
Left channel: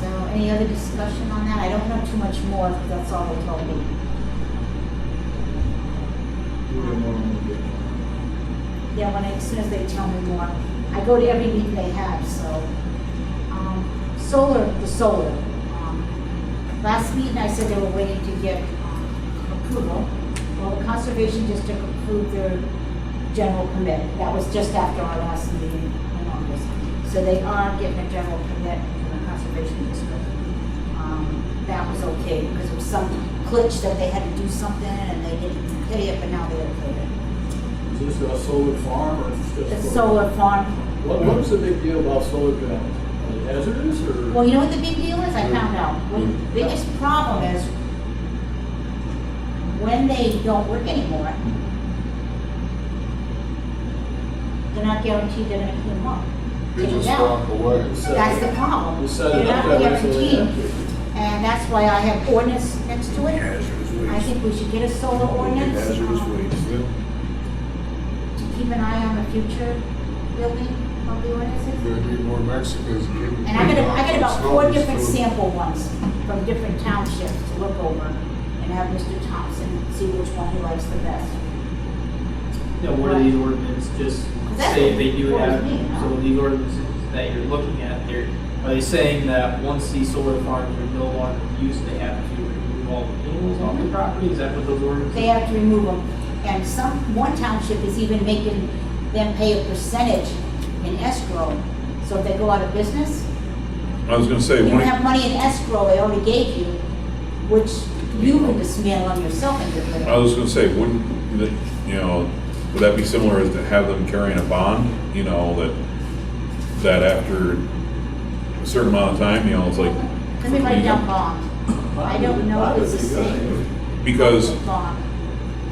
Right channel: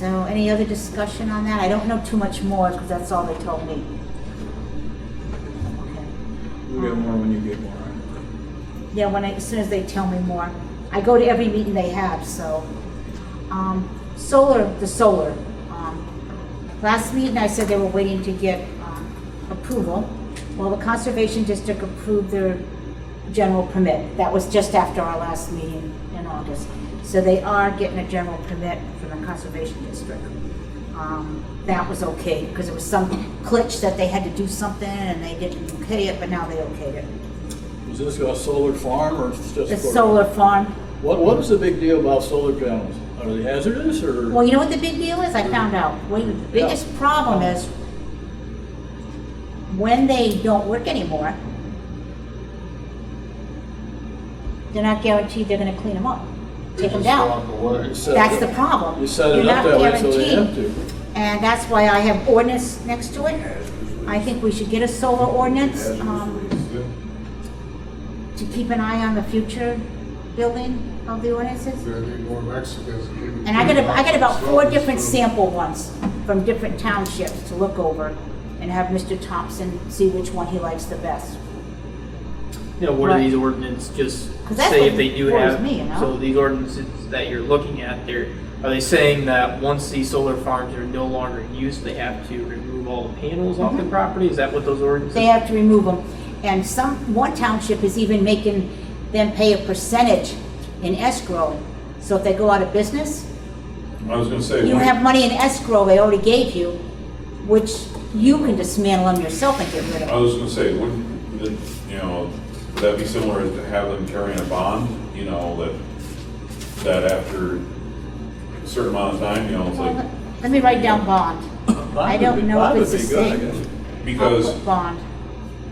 So any other discussion on that? I don't know too much more because that's all they told me. You get more when you get more. Yeah, as soon as they tell me more. I go to every meeting they have, so. The solar. Last meeting I said they were waiting to get approval. Well, the Conservation District approved their general permit. That was just after our last meeting in August. So they are getting a general permit from the Conservation District. That was okay, because it was some glitch that they had to do something and they didn't okay it, but now they okayed it. Is this a solar farm or is it just? The for- solar farm. What is the big deal about solar panels? Are they hazardous or? Well, you know what the big deal is? I found out. The biggest problem is when they don't work anymore, they're not guaranteed they're gonna clean them up, They take them just down. walk away. That's the problem. You set You're it up not that way so they have guaranteed. to. And that's why I have ordinance next to it. I think we should get a solar ordinance, Hazardous waste. to keep an eye on the future building of the ordinances. We're gonna need more Mexicans. And I got about 4 different sample ones from different townships to look over and have Mr. Thompson see which one he likes the best. You know, what are these ordinances just 'Cause that's say what if they do worries have, me, you know? so these ordinances that you're looking at, are they saying that once these solar farms are no longer in use, they have to remove all the panels off the property? Is that what those ordinances? They have to remove them. And one township is even making them pay a percentage in escrow. So if they go out of business, I was gonna say, you have money in escrow they already gave you, which you can dismantle them yourself and get rid I of. was gonna say, wouldn't, would that be similar as to have them carrying a bond, that after a certain amount of time, it's like, Let me write down bond. I don't know if it's the same. because, Bond.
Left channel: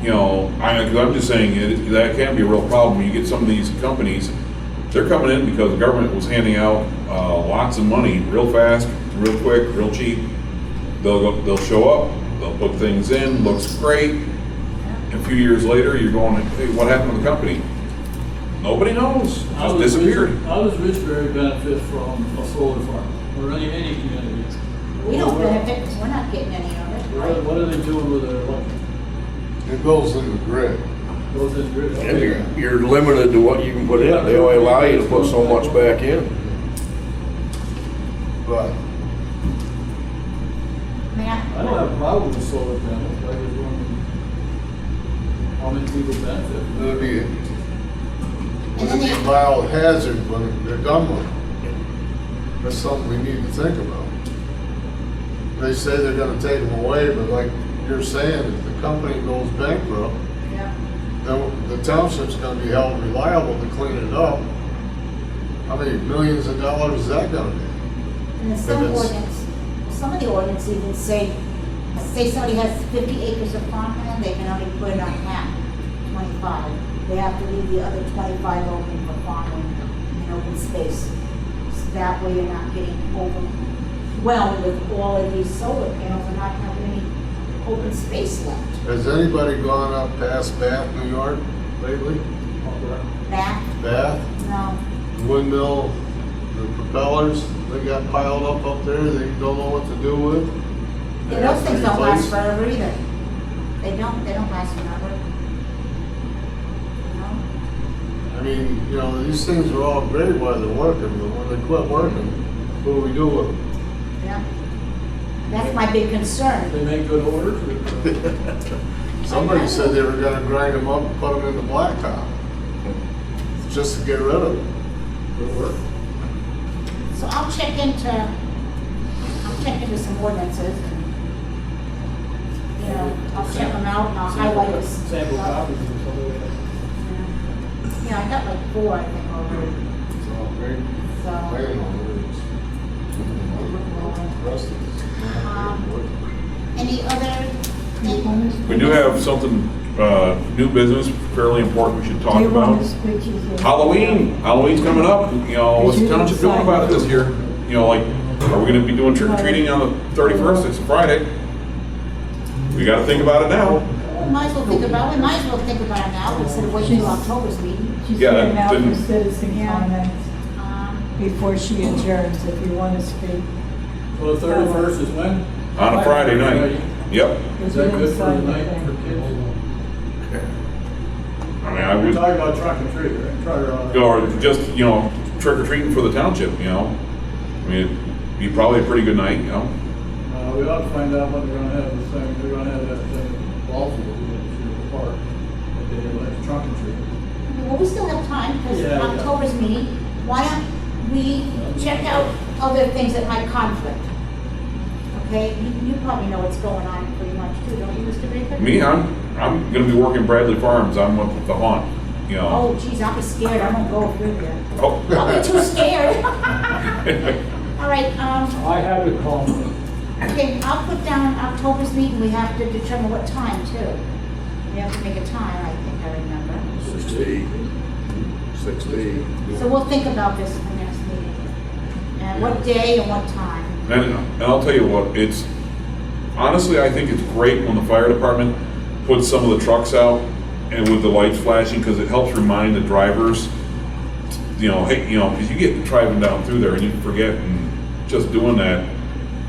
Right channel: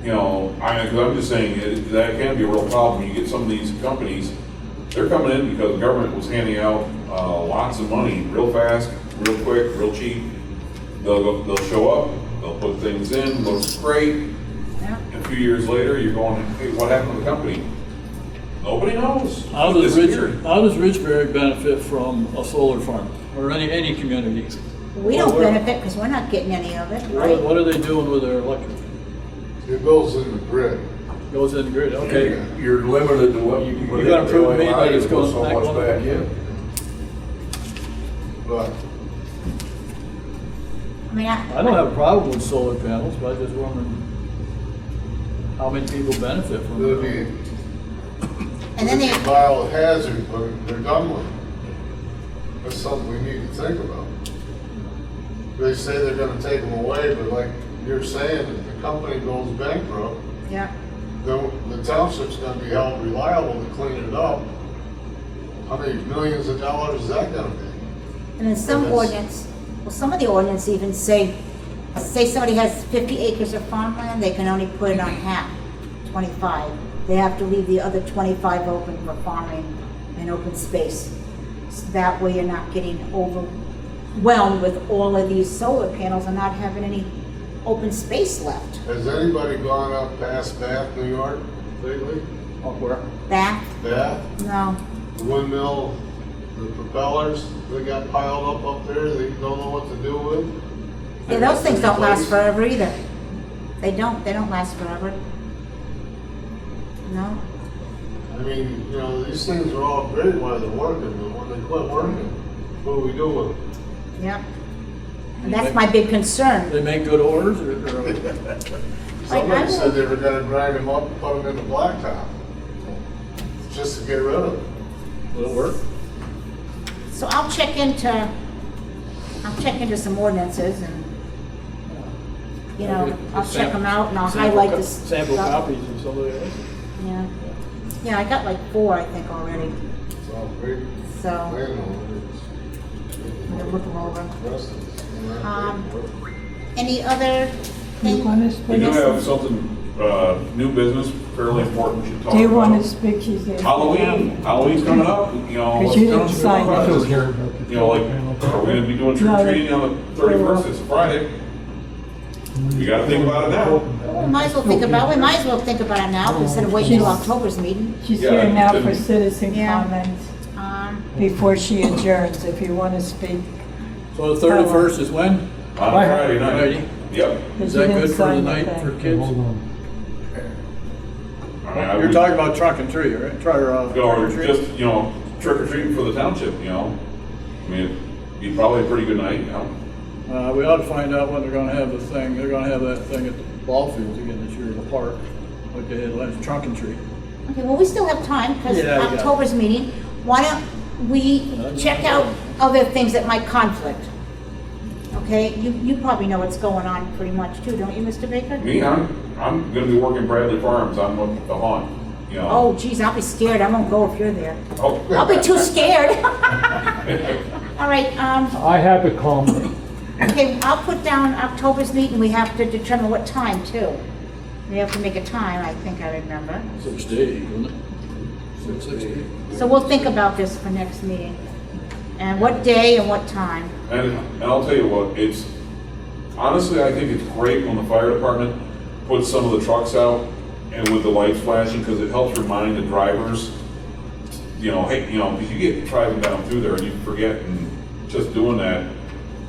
I'm just saying, that can be a real problem when you get some of these companies, they're coming in because the government was handing out, lots of money real fast, real quick, real cheap. They'll show up, they'll put things in, looks great. Yeah. A few years later, you're going, hey, what happened to the company? Nobody knows. How It does disappeared. Ridgebury benefit from a solar farm or any community? We don't What- benefit because we're not getting any of it, right? What are they doing with their electric? It goes in the grid. Goes in grid, okay. And you're limited to what you can put in. Yeah, They only allow you to put so much back in. But I mean, I don't have a problem with solar panels, but I just wondering how many people benefit from it'll it. be, and then it'll be they, a biohazard, but they're done with it. That's something we need to think about. They say they're gonna take them away, but like you're saying, if the company goes bankrupt, yeah. the township's gonna be held reliable to clean it up. How many millions of dollars is that gonna be? And then some of the ordinance even say somebody has 50 acres of farmland, they can only put it on half, 25. They have to leave the other 25 open for farming and open space. So that way you're not getting overwhelmed with all of these solar panels and not having any open space left. Has anybody gone up past Bath, New York lately? That, Bath, no. windmill, the propellers, they got piled up there, they don't know what to do with. Yeah, those things don't last forever either. They don't last forever. No? I mean, these things are all great while they're working, but when they quit working, what do we do with them? Yeah. And that's my big concern. They make good orders or? Somebody said they were gonna grind them up and put them in the blacktop, just to get rid of them. Will work? So I'll check into some ordinances and, I'll check them out and I'll highlight this Sample stuff. copies of some of that. Yeah. Yeah, I got like 4, I think, already, So, great so landowners. I'll look them over. Rest of us. Any other You thing? want us We do have something new business, fairly important, we should talk Do you want about. to speak? She said. Halloween's coming up, you know, what's the township doing about this here? You know, like, are we gonna be doing trick or treating on the 31st, it's a Friday? We gotta think about it now. We might as well think about it now instead of waiting till October's meeting. She's Yeah, here now for then- citizen Yeah. comments Um, before she adjourns, if you want to speak. So the 31st is when? On a Friday night. Friday. Yep. Is You that didn't good for the sign night thing. for kids? I mean, I You're would, talking about trunk and treat, right? or just, you know, trick or treating for the township, you know? I mean, it'd be probably a pretty good night, you know? We ought to find out when they're gonna have the thing, they're gonna have that thing at the ball field again this year in the park, like they had last, trunk and treat. Okay, well, we still have time because Yeah, yeah. October's meeting. Why don't we check out other things that might conflict? Okay, you probably know what's going on pretty much too, don't you, Mr. Baker? Me, I'm gonna be working Bradley Farms, I'm with the haunt, you know? Oh, geez, I'll be scared. I won't go if you're there. Oh. I'll be too scared. All right, I have a comment. okay, I'll put down October's meeting. We have to determine what time too. We have to make a time, I think I remember. 6 to 8, isn't it? 6 to 8. So we'll think about this for next meeting. And what day and what time. And I'll tell you what, it's, honestly, I think it's great when the fire department puts some of the trucks out and with the lights flashing, because it helps remind the drivers, you know, hey, you know, because you get driving down through there and you forget, and just doing that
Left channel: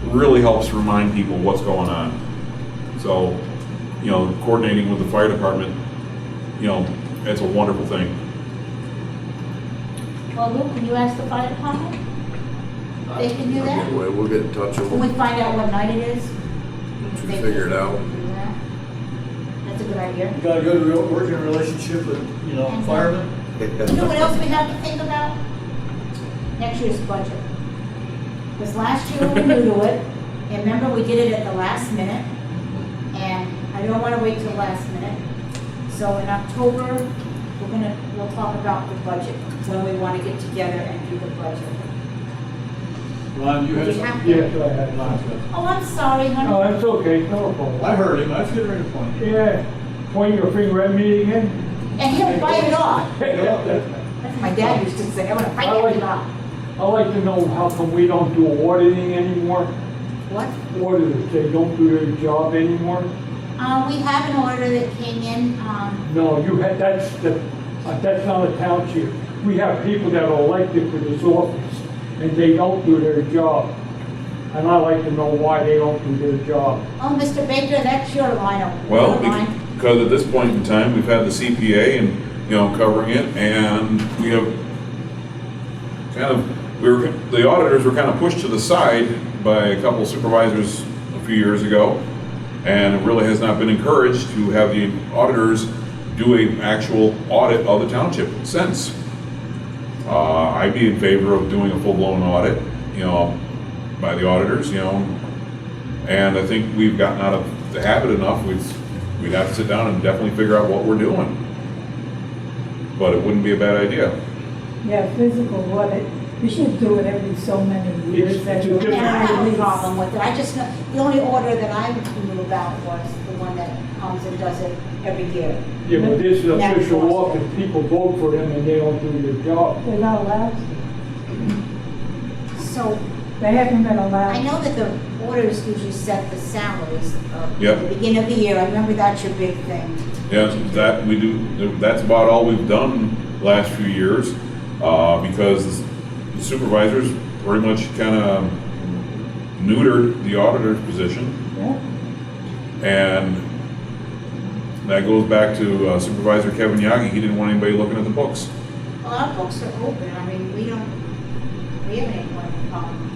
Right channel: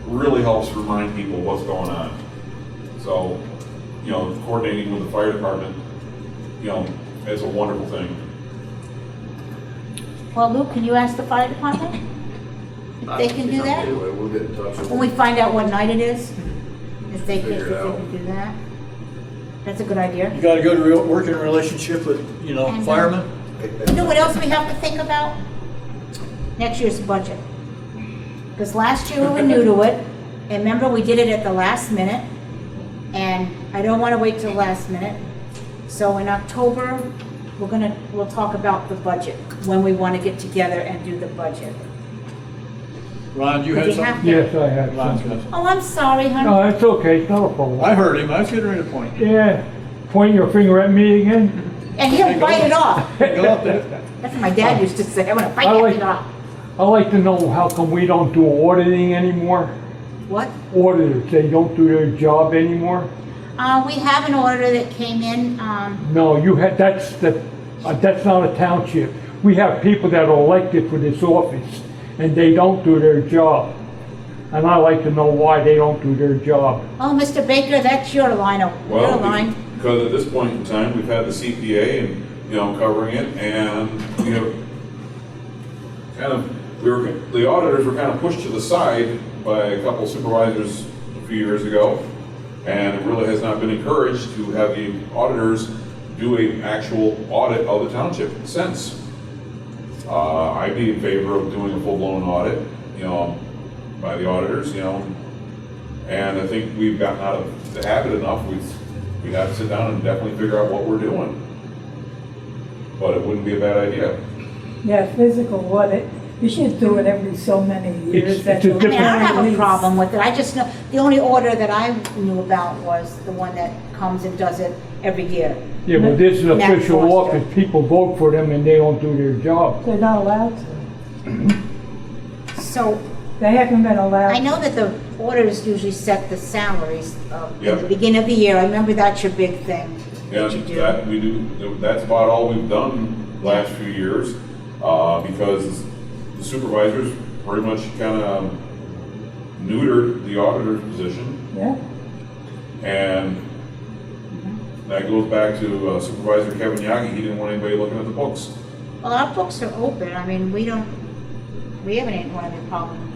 really helps remind people what's going on. So, you know, coordinating with the fire department, you know, it's a wonderful thing. Well, Luke, can you ask the fire department? They can do that? Anyway, we'll get in touch with When we them. find out what night it is? If they Figure it out. can do that? That's a good idea. You got a good working relationship with, you know, And, firemen? You know what else we have to think about? Next year's budget. Because last year we were new to it, and remember, we did it at the last minute, and I don't want to wait till the last minute. So in October, we'll talk about the budget, when we want to get together and do the budget. Ron, you We had have something? to- Yes, I have Ron's something. got Oh, I'm sorry, honey. No, that's okay, it's not a problem. I heard him, I was getting ready to point. Yeah, point your finger at me again? And he'll bite it off. Go up there. That's what my dad used to say, I'm gonna bite I like- it off. I'd like to know how come we don't do auditing anymore? What? Auditors, they don't do their job anymore? We have an order that came in, No, that's not a township. We have people that are elected for this office, and they don't do their job. And I'd like to know why they don't do their job. oh, Mr. Baker, that's your line of, your Well, line. because at this point in time, we've had the CPA and, you know, covering it, and we have the auditors were kind of pushed to the side by a couple supervisors a few years ago, and it really has not been encouraged to have the auditors do an actual audit of the township since. I'd be in favor of doing a full-blown audit, you know, by the auditors, you know, and I think we've gotten out of the habit enough, we'd have to sit down and definitely figure out what we're doing. But it wouldn't be a bad idea. Yeah, physical audit, you should do it every so many years. It's That's a a different- And I don't have a release. problem with it, I just know, the only order that I knew about was the one that comes and does it every year. Yeah, but this is an That's official Foster. office, people vote for them and they don't do their job. They're not allowed to. So, They haven't been allowed. I know that the auditors usually set the salaries at Yep. the beginning of the year, I remember that's your big thing. Yeah, that we do, that's about all we've done last few years, because the supervisors pretty much kind of neutered the auditor's position. Yeah, And that goes back to Supervisor Kevin Yagi, he didn't want anybody looking at the books. Well, our books are open, I mean, we haven't any problem.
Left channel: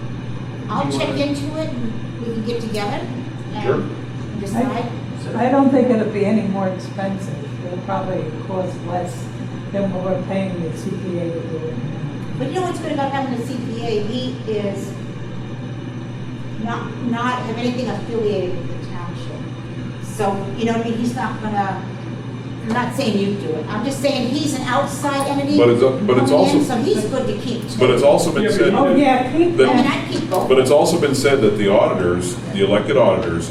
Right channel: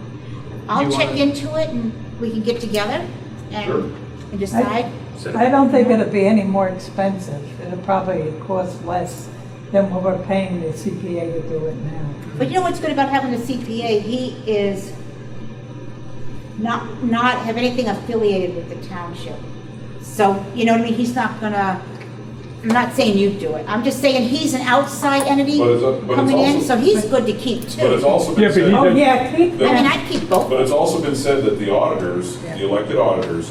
I'll You check wanna- into it and we can get together Sure. and decide. I don't think it'll be any more expensive. It'll probably cost less than what we're paying the CPA to do it now. But you know what's good about having a CPA? He is not have anything affiliated with the township. So, you know what I mean? He's not gonna, I'm not saying you do it. I'm just saying he's an outside entity But it's coming in, also- so he's good to keep too. But it's also been Yeah, but said. Oh, yeah, keep That- I mean, that. I'd keep both. But it's also been said that the auditors, the elected auditors,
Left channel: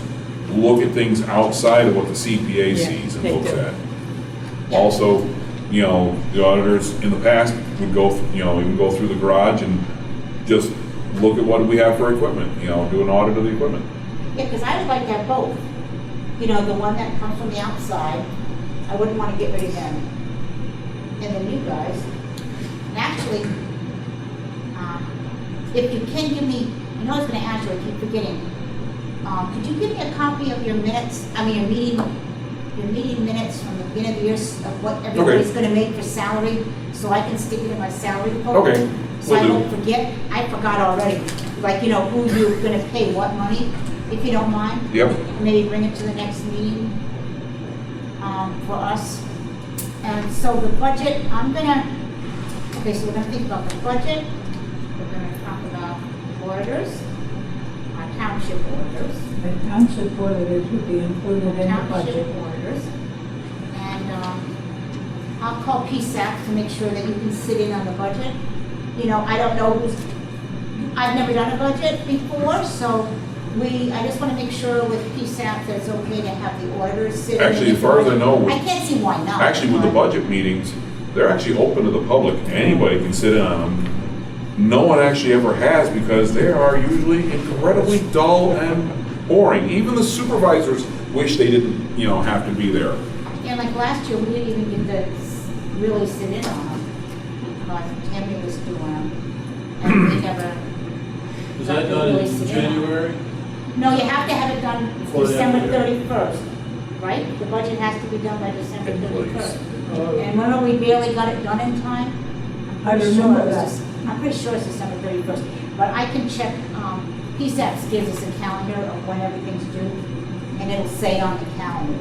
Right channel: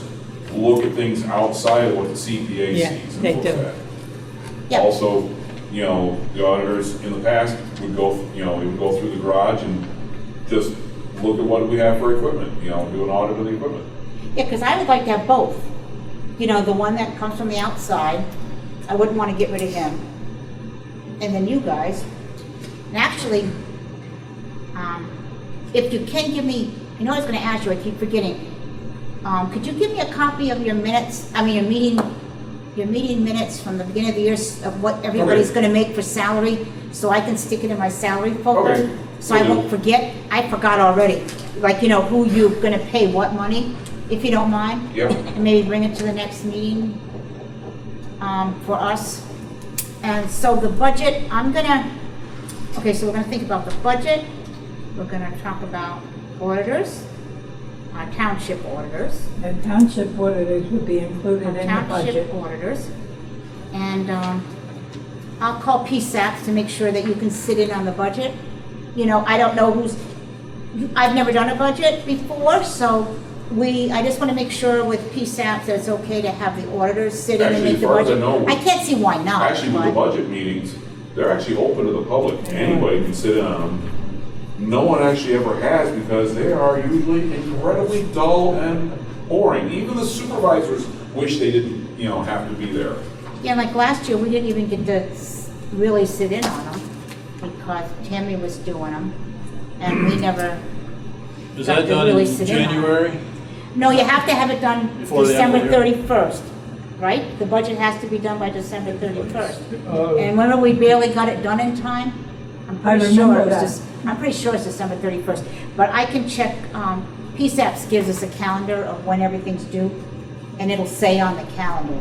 look at things outside of what the CPA Yeah, sees and they looks do. at. Yeah. Also, you know, the auditors in the past would go, you know, even go through the garage and just look at what we have for equipment, you know, do an audit of the equipment. Yeah, because I would like to have both. You know, the one that comes from the outside, I wouldn't want to get rid of him. And then you guys. And actually, if you can give me, you know I was going to ask you, I keep forgetting. Could you give me a copy of your minutes, your meeting minutes from the beginning of the year of what everybody's Okay. going to make for salary, so I can stick it in my salary folder? Okay, So I will do. won't forget. I forgot already. Like, you know, who you're going to pay what money, if you don't mind. Yep. And maybe bring it to the next meeting for us. And so the budget, okay, so we're gonna think about the budget. We're gonna talk about auditors, our township auditors. The township auditors would be included in the Township budget. auditors. And I'll call PSAP to make sure that you can sit in on the budget. You know, I don't know I've never done a budget before, so I just want to make sure with PSAP that it's okay to have the auditors sit in and Actually, make as the far as I budget. know, I can't see why not. Actually, with the but- budget meetings, they're actually open to the public. Anybody can sit in on them. No one actually ever has because they are usually incredibly dull and boring. Even the supervisors wish they didn't, you know, have to be there. Yeah, like last year, we didn't even get to really sit in on them because Tammy was doing them. And we never, Is Got that to done really in sit in on it. January? no, you have to have it done Before the end December of the year? 31st, right? The budget has to be done by December 31st. Uh, And remember, we barely got it done in time? I I'm pretty sure remember it was that. I'm pretty sure it's December 31st. But I can check, PSAPs gives us a calendar of when everything's due, and it'll say on the calendar.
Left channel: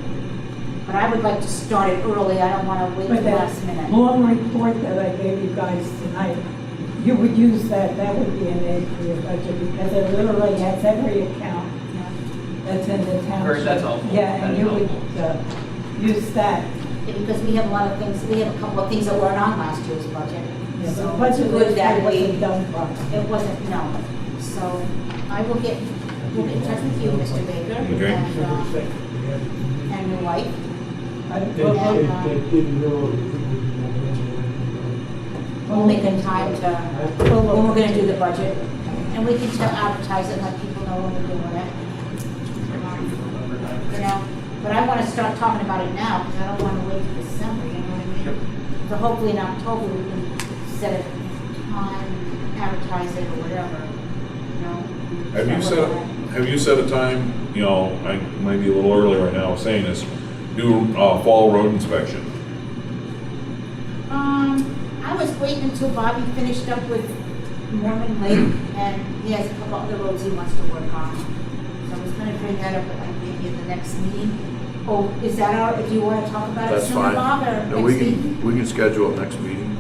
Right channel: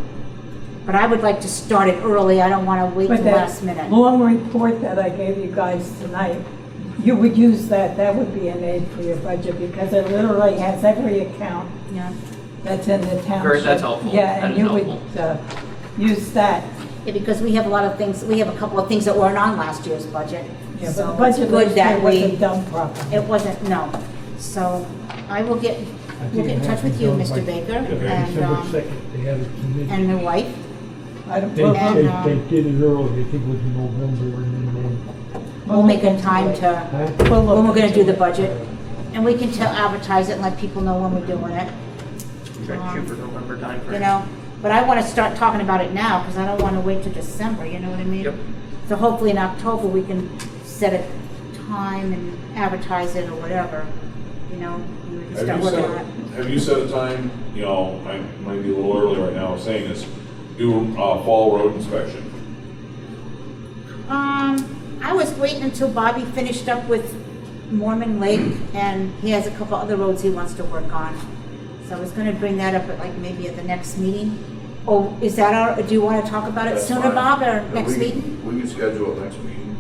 But I would like to start it early, I don't want to wait But till that last minute. long report that I gave you guys tonight, you would use that would be an aid for your budget because it literally has every account Yeah. that's in the township. Very, that's helpful. Yeah, That and is you would helpful. use that. Yeah, because we have a lot of things, we have a couple of things that weren't on last year's budget. Yeah, So but the it's budget good last that year wasn't done properly. It wasn't, no. So I will get, we'll get in touch with you, Mr. Baker, Okay. December 2nd, they have it to me. and my wife. I don't- They well, And, did it early, I think it was in November when We'll make a time to, Huh? when we're gonna do the budget. And we can advertise it and let people know when we're doing it. Trying to shoot for November timeframe. You know, but I wanna start talking about it now, because I don't wanna wait till December, you know what I mean? Yep. So hopefully in October, we can set a time and advertise it or whatever, you know? and Have you start set, working on it. have you set a time, you know, I might be a little early right now saying this, do fall road inspection? I was waiting until Bobby finished up with Mormon Lake, and he has a couple other roads he wants to work on. So I was gonna bring that up at like maybe at the next meeting. Oh, is that do you wanna talk about it That's sooner, fine. Bob, or Yeah, next week? We can schedule it next meeting.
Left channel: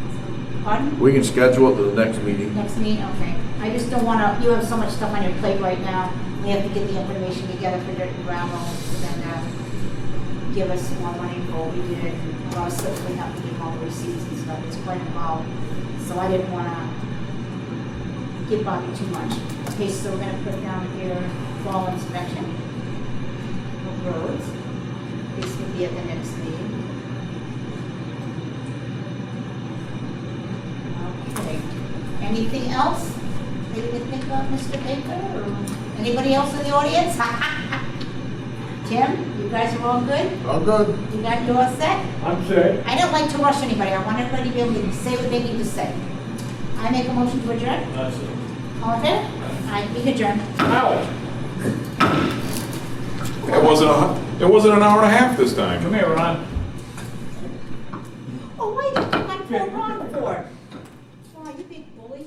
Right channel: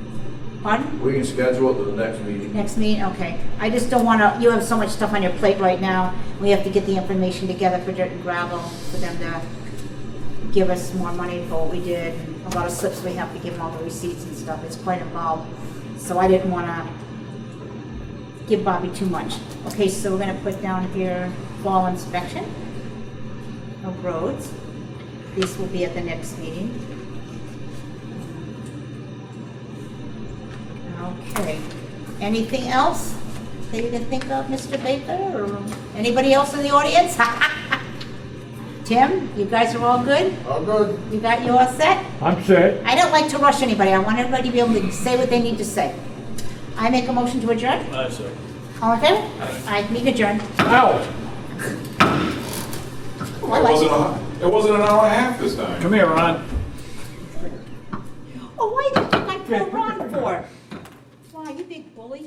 Pardon? We can schedule it to the next meeting. Next meeting, okay. I just don't wanna, you have so much stuff on your plate right now. We have to get the information together for dirt and gravel, for them to give us more money for what we did. And a lot of slips we have to give them all the receipts and stuff. It's quite involved. So I didn't wanna give Bobby too much. Okay, so we're gonna put down here fall inspection of roads. This will be at the next meeting. Okay. Anything else that you can think of, Mr. Baker, or anybody else in the audience? Tim, you guys are all good? I'm good. You all set? I'm set. I don't like to rush anybody. I want everybody to be able to say what they need to say. I make a motion to adjourn. That's it. All in favor? I meet adjourn. Ow! It wasn't an hour and a half this time. Come here, Ron. Oh, why did you put my poor Ron for? Wow, you big bully.